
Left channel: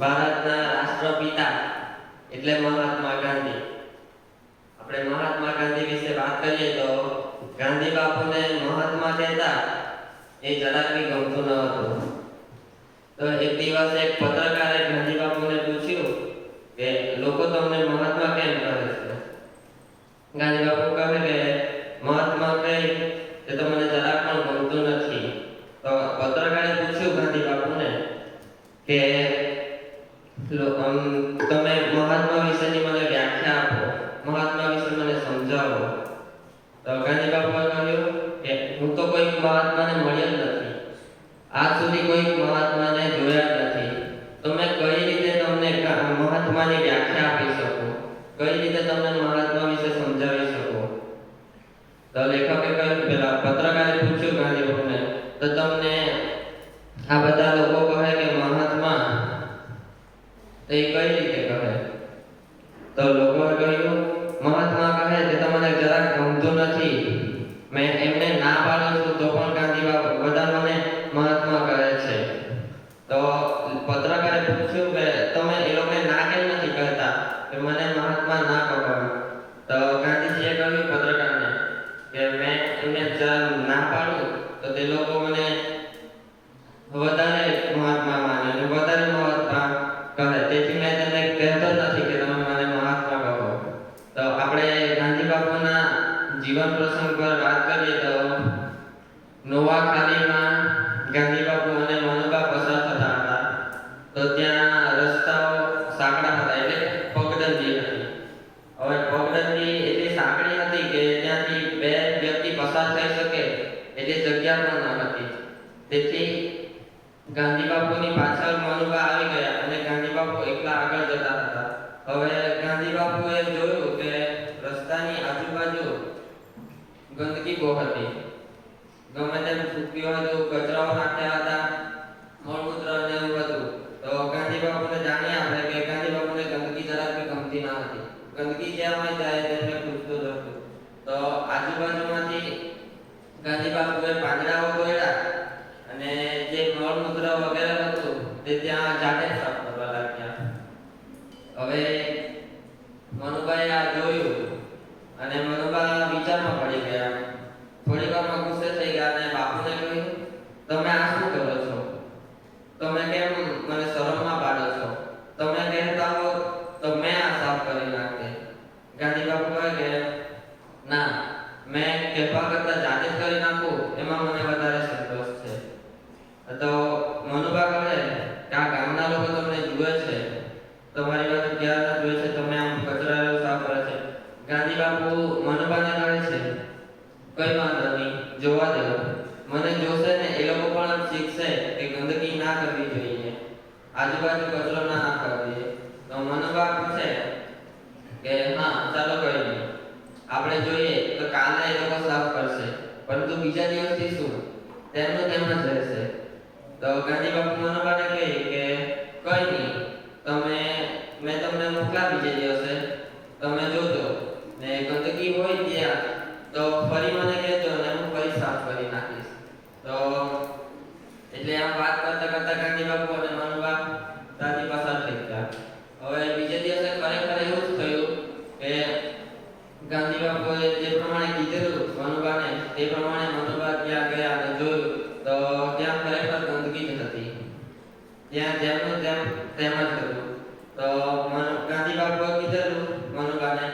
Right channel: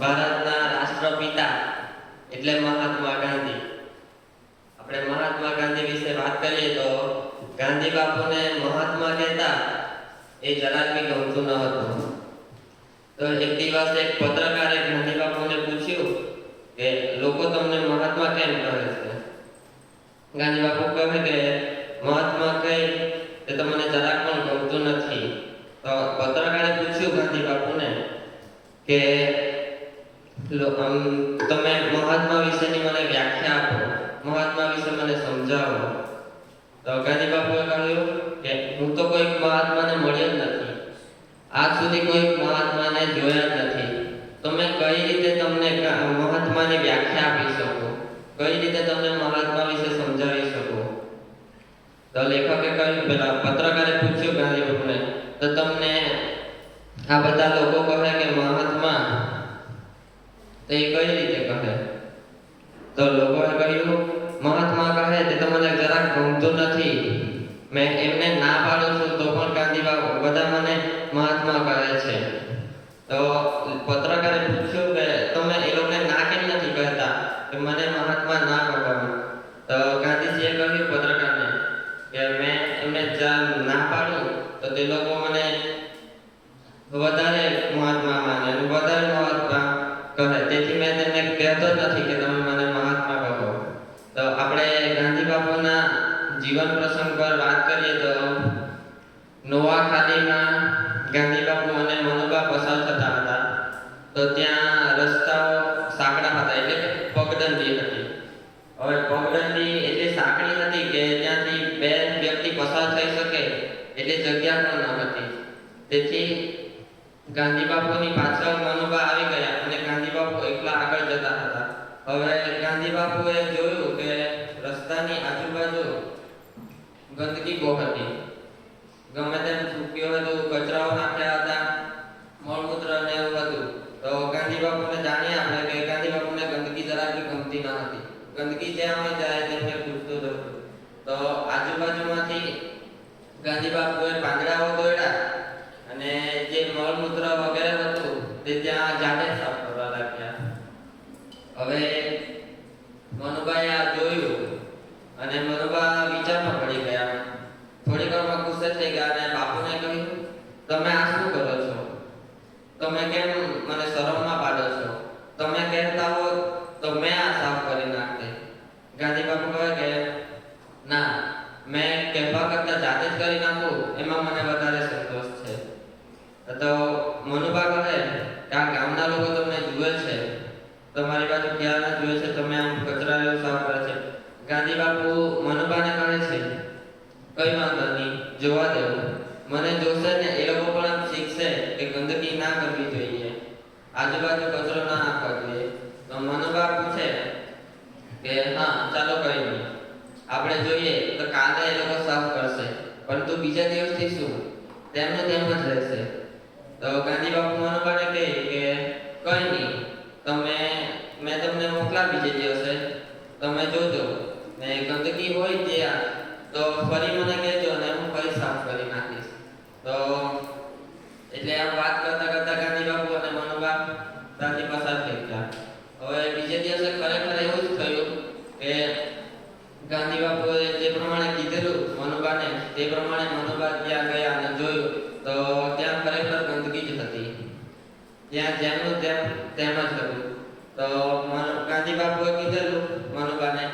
ભારતના રાષ્ટ્રપિતા એટલે મહાત્મા ગાંધી. આપણે મહાત્મા ગાંધી વિશે વાત કરીએ તો ગાંધી બાપુને મહાત્મા કહેતા એ જરાક બી ગમતું ન હતું. તો એક દિવસ એક પત્રકારે ગાંધી બાપુને પૂછ્યું કે લોકો તમને મહાત્મા કેમ કહે છે? ગાંધી બાપુ કહે કે મહાત્મા કહે તે તો મને જરાક પણ ગમતું નથી. તો પત્રકારે પૂછ્યું ગાંધી બાપુને કે તમે મહાત્મા વિશેની મને વ્યાખ્યા આપો, મહાત્મા વિશે મને સમજાવો. તો ગાંધી બાપુએ કહ્યું કે હું તો કોઈ મહાત્માને મળ્યો જ નથી, આજ સુધી કોઈ મહાત્માને જોયા જ નથી. તો મેં કઈ રીતે તમને મહાત્માની વ્યાખ્યા આપી શકું, કઈ રીતે તમને મહાત્મા વિશે સમજાવી શકું? તો લેખકે કહ્યું, પેલા પત્રકારે પૂછ્યું ગાંધી બાપુને, તો તમને આ બધા લોકો કહે કે મહાત્મા, તો એ કઈ રીતે કહે? તો લોકોએ કહ્યું, મહાત્મા કહે તે તો મને જરાક ગમતું નથી. મેં એમને ના પાડું છું તો પણ ગાંધી બાપુ બધા મને મહાત્મા કહે છે. તો પત્રકારે પૂછ્યું કે તમે એ લોકોને ના કેમ નથી કહેતા કે મને મહાત્મા ના કહો? તો ગાંધીજીએ કહ્યું પત્રકારને કે મેં એમને ના પાડું તો તે લોકો મને વધારે મહાત્મા માને અને વધારે મહાત્મા કહે, તેથી મેં તેમને કહેતો નથી કે તમે મને મહાત્મા કહો. તો આપણે ગાંધી બાપુના જીવન પ્રસંગ પર વાત કરીએ તો નોવાખાલીમાં ગાંધી બાપુ અને મનુબા પસાર થતા હતા. તો ત્યાં રસ્તાઓ સાંકડા હતા, એટલે કે પગદંડી હતી. હવે પગદંડી એટલી સાંકડી હતી કે ત્યાંથી બે વ્યક્તિ પસાર થઈ શકે એટલી જગ્યા પણ ન હતી. તેથી ગાંધી બાપુની પાછળ મનુબા આવી ગયા અને ગાંધી બાપુ એકલા આગળ જતા હતા. હવે ગાંધી બાપુએ જોયું કે રસ્તાની આજુબાજુ ગંદકી બહુ હતી, ગમે તેમ થૂક્યું હતું, કચરાઓ નાખ્યા હતા, મળમૂત્ર ને એવું હતું. તો ગાંધી બાપુને જાણી આપે કે ગાંધી બાપુને ગંદકી જરાક બી ગમતી ન હતી. ગંદકી જ્યાં હોય ત્યારે તેમને પૂછતું જ હતું. તો આજુબાજુમાંથી થોડી વારમાં ગુસ્સે થઈ ગયા અને બાપુને કહ્યું, તમે આ શું કરો છો? તમે કેમ મને શરમમાં પાડો છો? તમે કહેતા હો તો મેં આ સાફ કરી નાખતે. ગાંધી બાપુ કહે કે ના, મેં કહેવા કરતા જાતે જ કરી નાખું એમાં મને વધારે સંતોષ છે. તો મનુબા કહે કે આ ગામના લોકો તમને જુએ છે, તમારી બાજુ ક્યારના જુએ છે, તમે આમ કચરા સાફ કરે છે. ગાંધી બાપુ મનુબાને કહે છે, કઈ વાંધો નહીં, જોવા દો, મને જોશે ને એ લોકો પણ શીખશે કે ગંદકી ના કરવી જોઈએ, આજુબાજુ કચરો ના નાખવો જોઈએ. તો મનુબા પૂછે કે હા ચાલો કઈ નહીં, આપણે જોઈએ તો કાલે એ લોકો સાફ કરશે, પરંતુ બીજા દિવસથી શું? તેમનું તેમ જ રહેશે. તો ગાંધી બાપુ મનુબાને કહે કે કઈ નહીં, મેં તમને મોકલા બીજે દિવસે, તમે જોજો ને ગંદકી હોય ત્યાં તો ફરી મને કહેજો અને હું ફરી સાફ કરી નાખીશ. તો એટલે આમ વાત કરતા કરતા ગાંધી બાપુ અને મનુબા ત્યાંથી પસાર થઈ ગયા. હવે બીજે દિવસે ખરેખર એવું જ થયું કે ગાંધી બાપુએ જે પ્રમાણે કીધેલું મનુબાને તે પ્રમાણે મનુબા ત્યાં ગયા અને જોયું તો ત્યાં ખરેખર ગંદકી જ હતી. ત્યાં જેમનું તેમ જ હતું. તો ગાંધી બાપુએ કીધેલું મનુબાને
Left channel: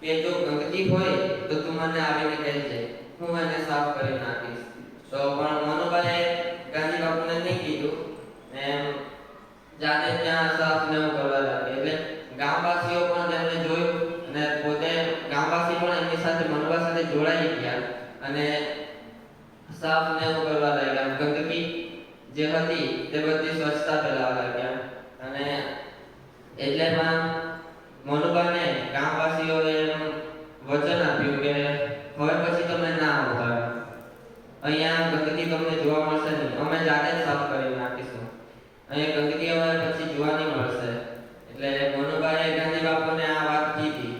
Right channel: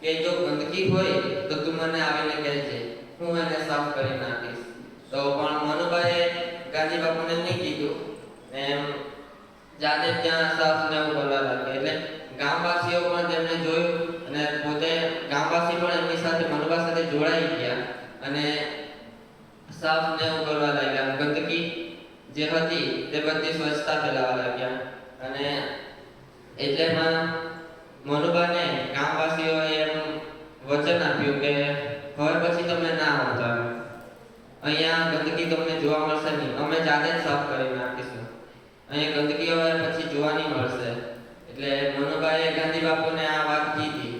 કે જો ગંદકી હોય તો તું મને આવીને કહેજે, હું એને સાફ કરી નાખીશ. તો પણ મનુબાએ ગાંધી બાપુને નહીં કીધું, એમ જાતે ત્યાં સાફ ને એવું કરવા લાગ્યા. એટલે ગામવાસીઓ પણ તેમને જોયું અને પોતે ગામવાસી પણ એમની સાથે મનુબા સાથે જોડાઈ ગયા અને સાફ ને એવું કરવા લાગ્યા. ગંદકી જે હતી તે બધી સ્વચ્છતા ફેલાવવા લાગ્યા. અને એટલેમાં મનુબાને ગામવાસીઓએ એમ વચન આપ્યું કે હવે પછી તમે ના આવતા, અહીંયા ગંદકી તમને જોવા મળશે નહીં, અમે જાતે જ સાફ કરી નાખીશું, અહીંયા ગંદકી હવે પછી જોવા નહીં મળશે. એટલે મનુબાએ ગાંધી બાપુને આ વાત કીધી.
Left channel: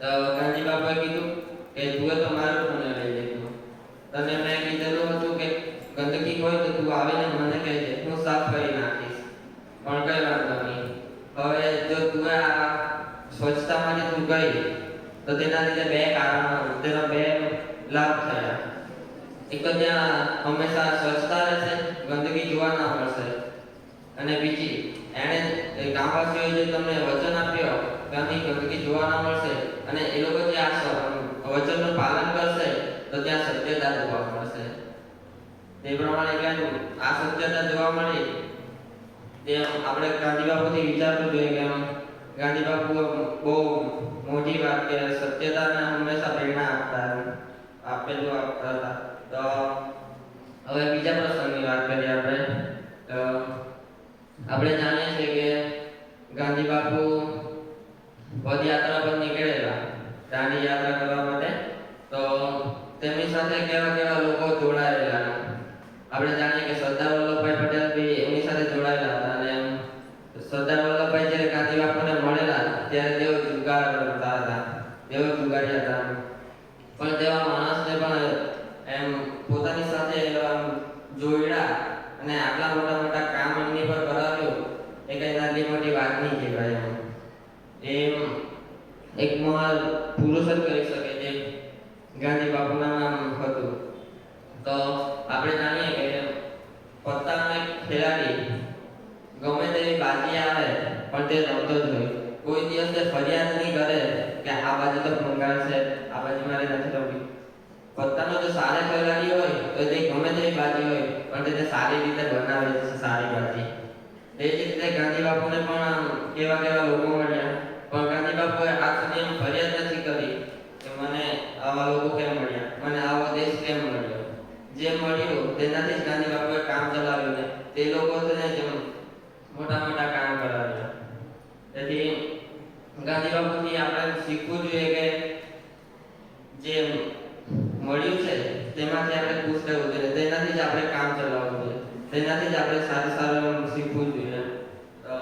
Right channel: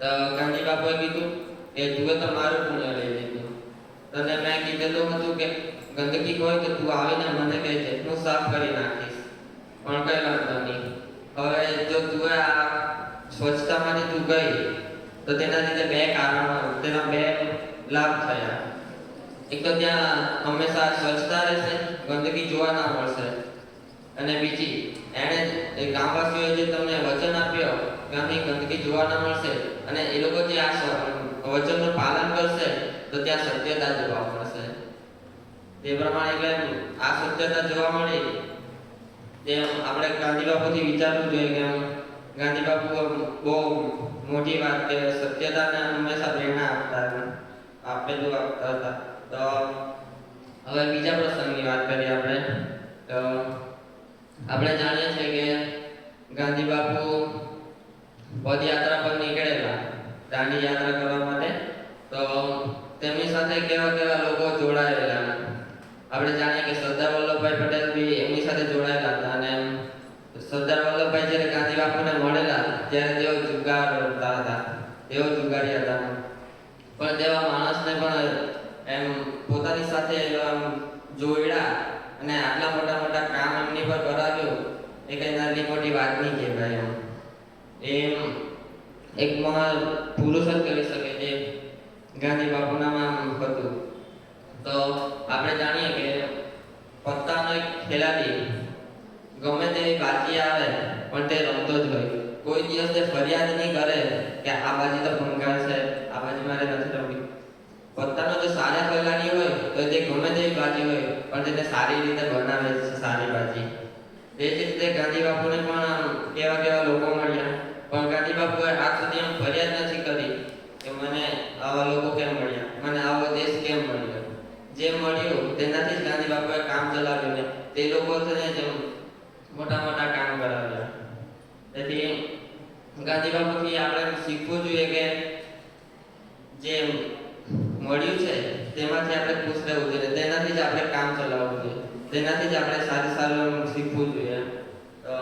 તો ગાંધી બાપુએ કીધું કે તું તો મારું પુણ્ય લઈ લીધું, તને મેં કીધેલું હતું કે ગંદકી હોય તો તું આવીને મને કહેજે, હું સાફ કરી નાખીશ, પણ કઈ વાંધો નહીં. હવે જો તું આ સ્વચ્છતામાંથી તું ગઈ તો તેના લીધે તેના બે લાભ થયા. એક તો ત્યાં હંમેશા સ્વચ્છતા રહેશે, ગંદકી જોવા ના મળશે, અને બીજી એણે ગામવાસીઓએ જે તમને વચન આપ્યો કે અહીં ગંદકી જોવા ના મળશે, અને એ લોકો જે આ વચનનું પાલન કરશે તો ત્યાં સત્યતા જોવા મળશે. તે પ્રમાણે એટલે આ સત્યતા જોવા મળી. તે આપણે ગાંધી બાપુથી વિચારવું જોઈએ કે ગાંધી બાપુ બહુ મોટી વાત કે સત્યતાને હંમેશા પ્રેરણા આપતા હતા. તો હવે બીજા પ્રસંગની વાત કરીએ આપણે. આપણે જાણીએ છીએ કે ગાંધી બાપુ પદયાત્રા પર નીકળેલા દાંડી યાત્રા કરવા માટે. તો તેમની સાથે કેવા કેવા લોકો જોડાયેલા. આપણે જાણીએ કે સરદાર વલ્લભભાઈ પટેલ બી એમની સાથે જોડાયેલા હતા. અને સરદાર વલ્લભભાઈ જ્યારે ગાંધી બાપુને મળેલા ત્યારે તેઓ જુગાર રમતા હતા, તેઓ જુગારી હતા. પણ તેવા માણસને પણ એમ પોતાની સાથે જોડ્યા અને આટલા મોટા મોટા કામ એમની પર કરાવ્યું એ કઈ નાની મોટી વાત નહીં કહેવાય. એમ એક મહાન પુરુષ જ કરી શકે જે ગાંધી બાપુના નામ હતું. તો આપણે જાણીએ કે પત્તાનો એક ખેલાડી ગમે તેવી બાજી આવે પણ તે રમતો જ હોય. કોઈ દિવસ તે ફરિયાદ નહીં કરે કે આ બાજી તો ભંગાર છે, આ બાજી મારે નથી રમવી. પત્તાનો જો સારા ખેલાડી હોય તો તે ગમે તેવી બાજી હોય પણ તે સારી રીતે બનાવે છે સારી બાજી. તે જ રીતે ગાંધી બાપુને પણ કેવા કેવા લોકો મળ્યા, પણ ગાંધી બાપુએ આજ સુધી એમ ફરિયાદ નથી કરી કે મને આવા લોકો કેમ મળ્યા, મને આવો દેશ કેમ મળ્યો. જે મળ્યું તેનાથી જ ગાંધી બાપુએ કામ ચલાવ્યું ને તે લોકોને જેમ મોટા મોટા કામ કરાવ્યા. તેથી ગાંધી બાપુથી આપણે શીખવું જોઈએ કે જે મળ્યું છે તેમાંથી આપણે ખુશ રહેવું જોઈએ, તેનાથી જ આપણે કામ ચલાવવું જોઈએ, તેનાથી જ આપણે સારું સારું શીખવું જોઈએ. તો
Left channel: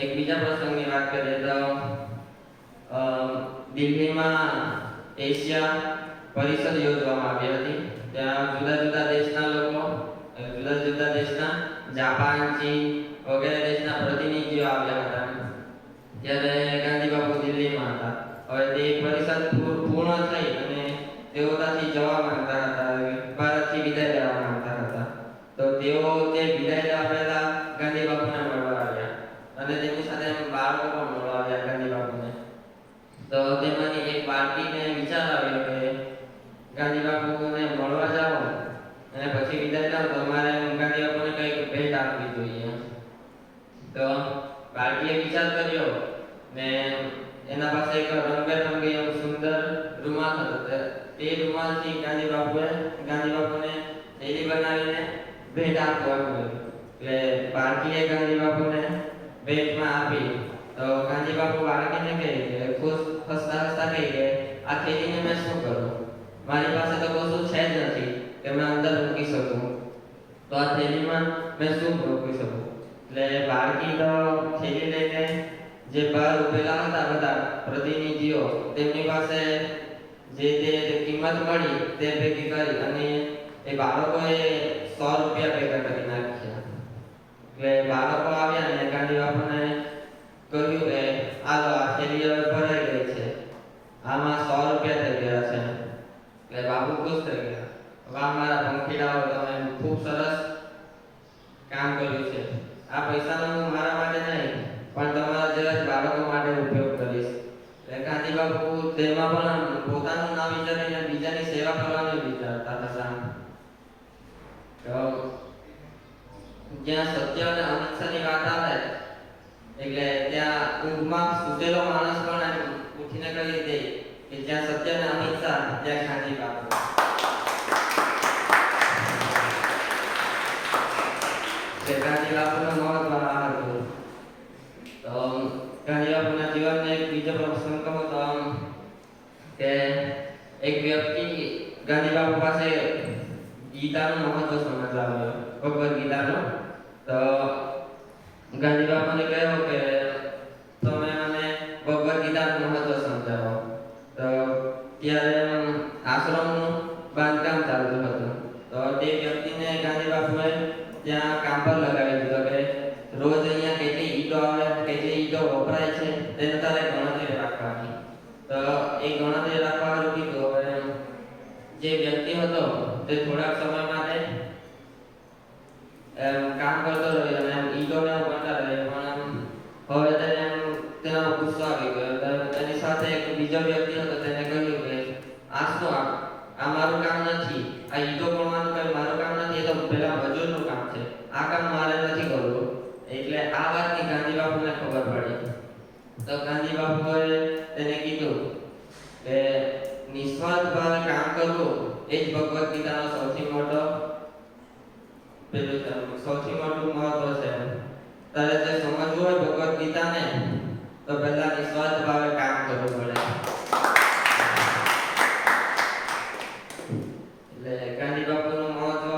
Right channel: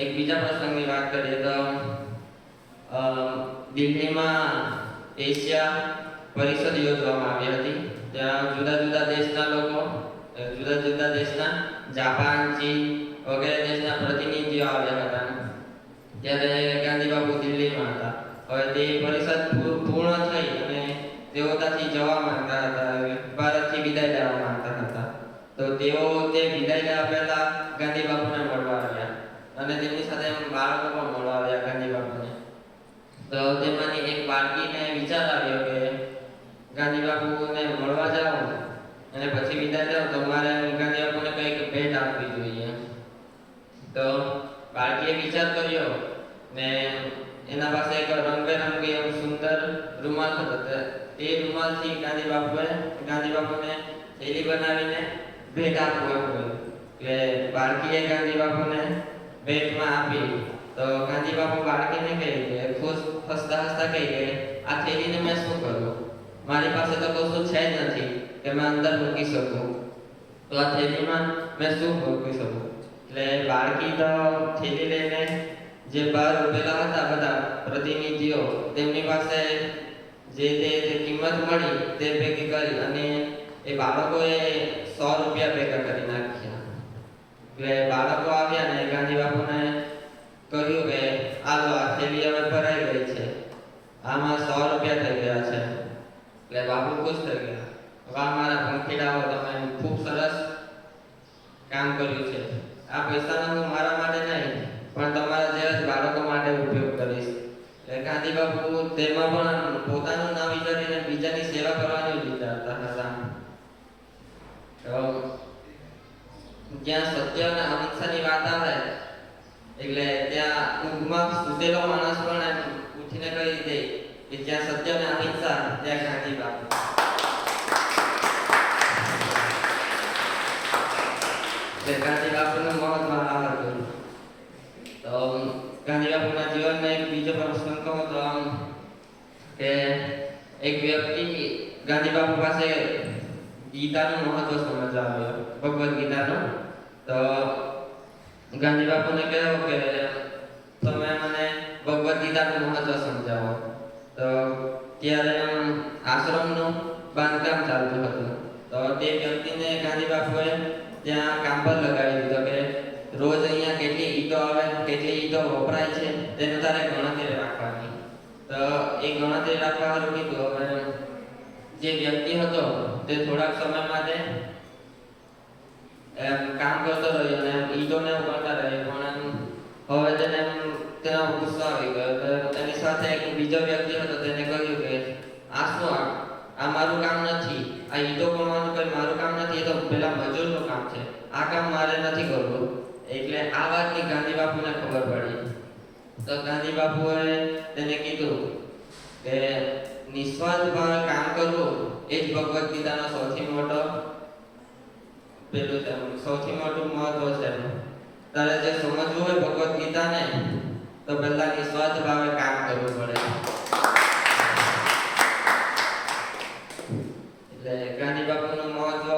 એક બીજા પ્રસંગની વાત કરીએ તો દિલ્હીમાં એશિયા પરિષદ યોજવામાં આવી હતી. ત્યાં જુદા જુદા દેશના લોકો, જુદા જુદા દેશના જાપાન, ચીન વગેરે દેશના પ્રતિનિધિઓ આવ્યા હતા. ત્યારે ગાંધી બાપુ દિલ્હીમાં હતા. હવે તે પરિષદ પૂર્ણ થઈ અને તેઓ ત્યાંથી જવા માંગતા હતા, ભારતથી વિદાય લેવા માંગતા હતા. તો તેઓ તે વિદાય લેવા પહેલા ગાંધી બાપુને મળવા આવ્યા અને તેમની સાથે બાળકો પણ મળવા આવ્યા ગાંધી બાપુને. તો તેમાંની એક બાળકીને વિચાર આવ્યો કે ગાંધી બાપુને મળવા જાઓ અને પછી વિદાય જાઓ તો મારે ગાંધી બાપુને કંઈક ભેટ આપવી જોઈએ. તો બાળકીએ વિચાર કર્યો ને એના પાસે એક રંગબેરંગી એવો સુંદર રૂમાલ હતો. તે રૂમાલથી ગાંધી બાપુને થેલી બનાવીને ભેટ આપવું એમ કર્યું. એટલે બાળકીએ ગાંધી બાપુને ભેટમાં આપી. તો ગાંધી બાપુ બાળકીને કહે કે હસતા હસતા કહે કે આ થેલીને મેં શું કરું? મારી પાસે તો કશું છે જ નથી કે મેં અંદર મૂકી શકું. તો આ થેલીમાં મેં શું મૂકી શકું? એટલે બાળકી તો થેલી લઈને જે બહાર ઉભેલા હતા બધા પ્રતિનિધિઓ તેમની પાસે જે કિંમત મળી તે ભેગી કરી અને એ બાળકોએ 100 રૂપિયા ભેગા કરી નાખ્યા. એટલે બાળકો આવ્યા ને ગાંધી બાપુને કહ્યું કે આ થેલી હવે ભરાઈ ગઈ છે, આમાં 100 રૂપિયા થઈ ગયા છે. એટલે બાપુ ખુશ થઈ ગયા. વાહ મારા પંખીડાઓ, તમે ખૂબ સરસ કામ કર્યું છે. આ પૈસાનો હું મારા માટે નહીં પણ તમારા જેવા જ બાળકો માટે ઉપયોગ કરીશ. એટલે ગાંધી બાપુ તેમાં પણ પોતાનું ના વિચારીને બીજાની સેવા કરવાનું વિચારતા હતા. તો જ્યાં સત્ય અને અહિંસાની વાત આવે એટલે ત્યાં ઊંઘમાં સૂતેલો માણસ પણ એમ ઉઠીને કહી દે કે જ્યાં સત્ય અને અહિંસા ત્યાં ગાંધી બાપુ. ગાંધી બાપુનું મહત્વ આ હતું. તો ગાંધી બાપુના જીવનનો એક બીજો પ્રસંગ કહું તો કે એક વ્યક્તિ ગાંધી બાપુ પાસે ગીતાનું મહત્વ સમજવા આવ્યો, ભગવદ્ ગીતાનું. તો ગાંધી બાપુને કહ્યું કે તમે મને ભગવદ્ ગીતાનું મહત્વ સમજાવો. તો ત્યારે આશ્રમનું બાંધકામ ચાલતું હતું. તો તે વ્યક્તિને ગાંધી બાપુએ ત્યાં કામ પર લગાવી દીધો કે રોજ અહીંયા કેટલી ઈંટો આવે, કેટલી ઈંટો વપરાય છે તેનું તારે ગણતરી રાખવાની. તો એ ગણતરી રાખવા કીધું. હવે જે વ્યક્તિ હતો તે થોડાક સમય માટે કામ કરતો રહ્યો અને ઈંટોને ઉપાડતા રહ્યો. પણ હવે તેનો ગુસ્સો આવી ગયો. તો તેની સાથે એક બીજો વ્યક્તિ હતો, તેને કહ્યું કે આ શું, આ મારું કામ નથી, આ ઈંટો ગણવાનું કઈ મારું કામ નથી, એ તો પેલા મજૂરનું કામ છે, આ કામ મારે નથી કરવું. એટલે આ વાતની ગાંધી બાપુને ખબર પડી. તો ગાંધી બાપુએ તેને કીધું કે નિસ્વાર્થ ભાવે કામ કરવું એ જ ભગવદ્ ગીતાનો સૌથી મોટું મહત્વ છે. તારે જે સમજવું હોય ભગવદ્ ગીતાને તો પહેલા નિસ્વાર્થ ભાવે કામ કરવું પડે. એટલે ગાંધી બાપુનું મહત્વ,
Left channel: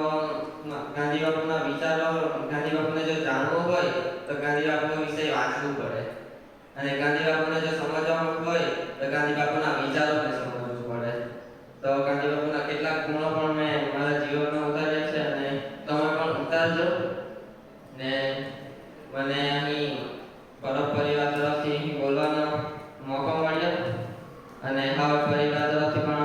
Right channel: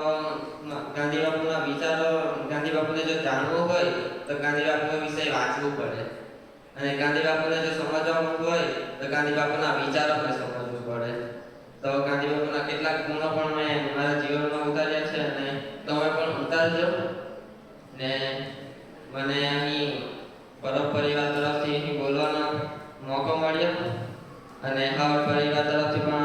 ગાંધી બાપુના વિચારો, ગાંધી બાપુને જો જાણવું હોય તો ગાંધી બાપુ વિશે વાંચવું પડે. અને ગાંધી બાપુને જો સમજવું હોય તો ગાંધી બાપુના વિચારોને સમજવું પડે. તો ગાંધી બાપુના કેટલાક ગુણો પણ મેં મારા જીવનમાં ઉતાર્યા છે અને તમે પણ ઉતારજો. ને મને અહીં પરબ પરિવાર તરફથી બોલવાનો મોકો મળ્યો અને હવે પરિવાર તરફથી પણ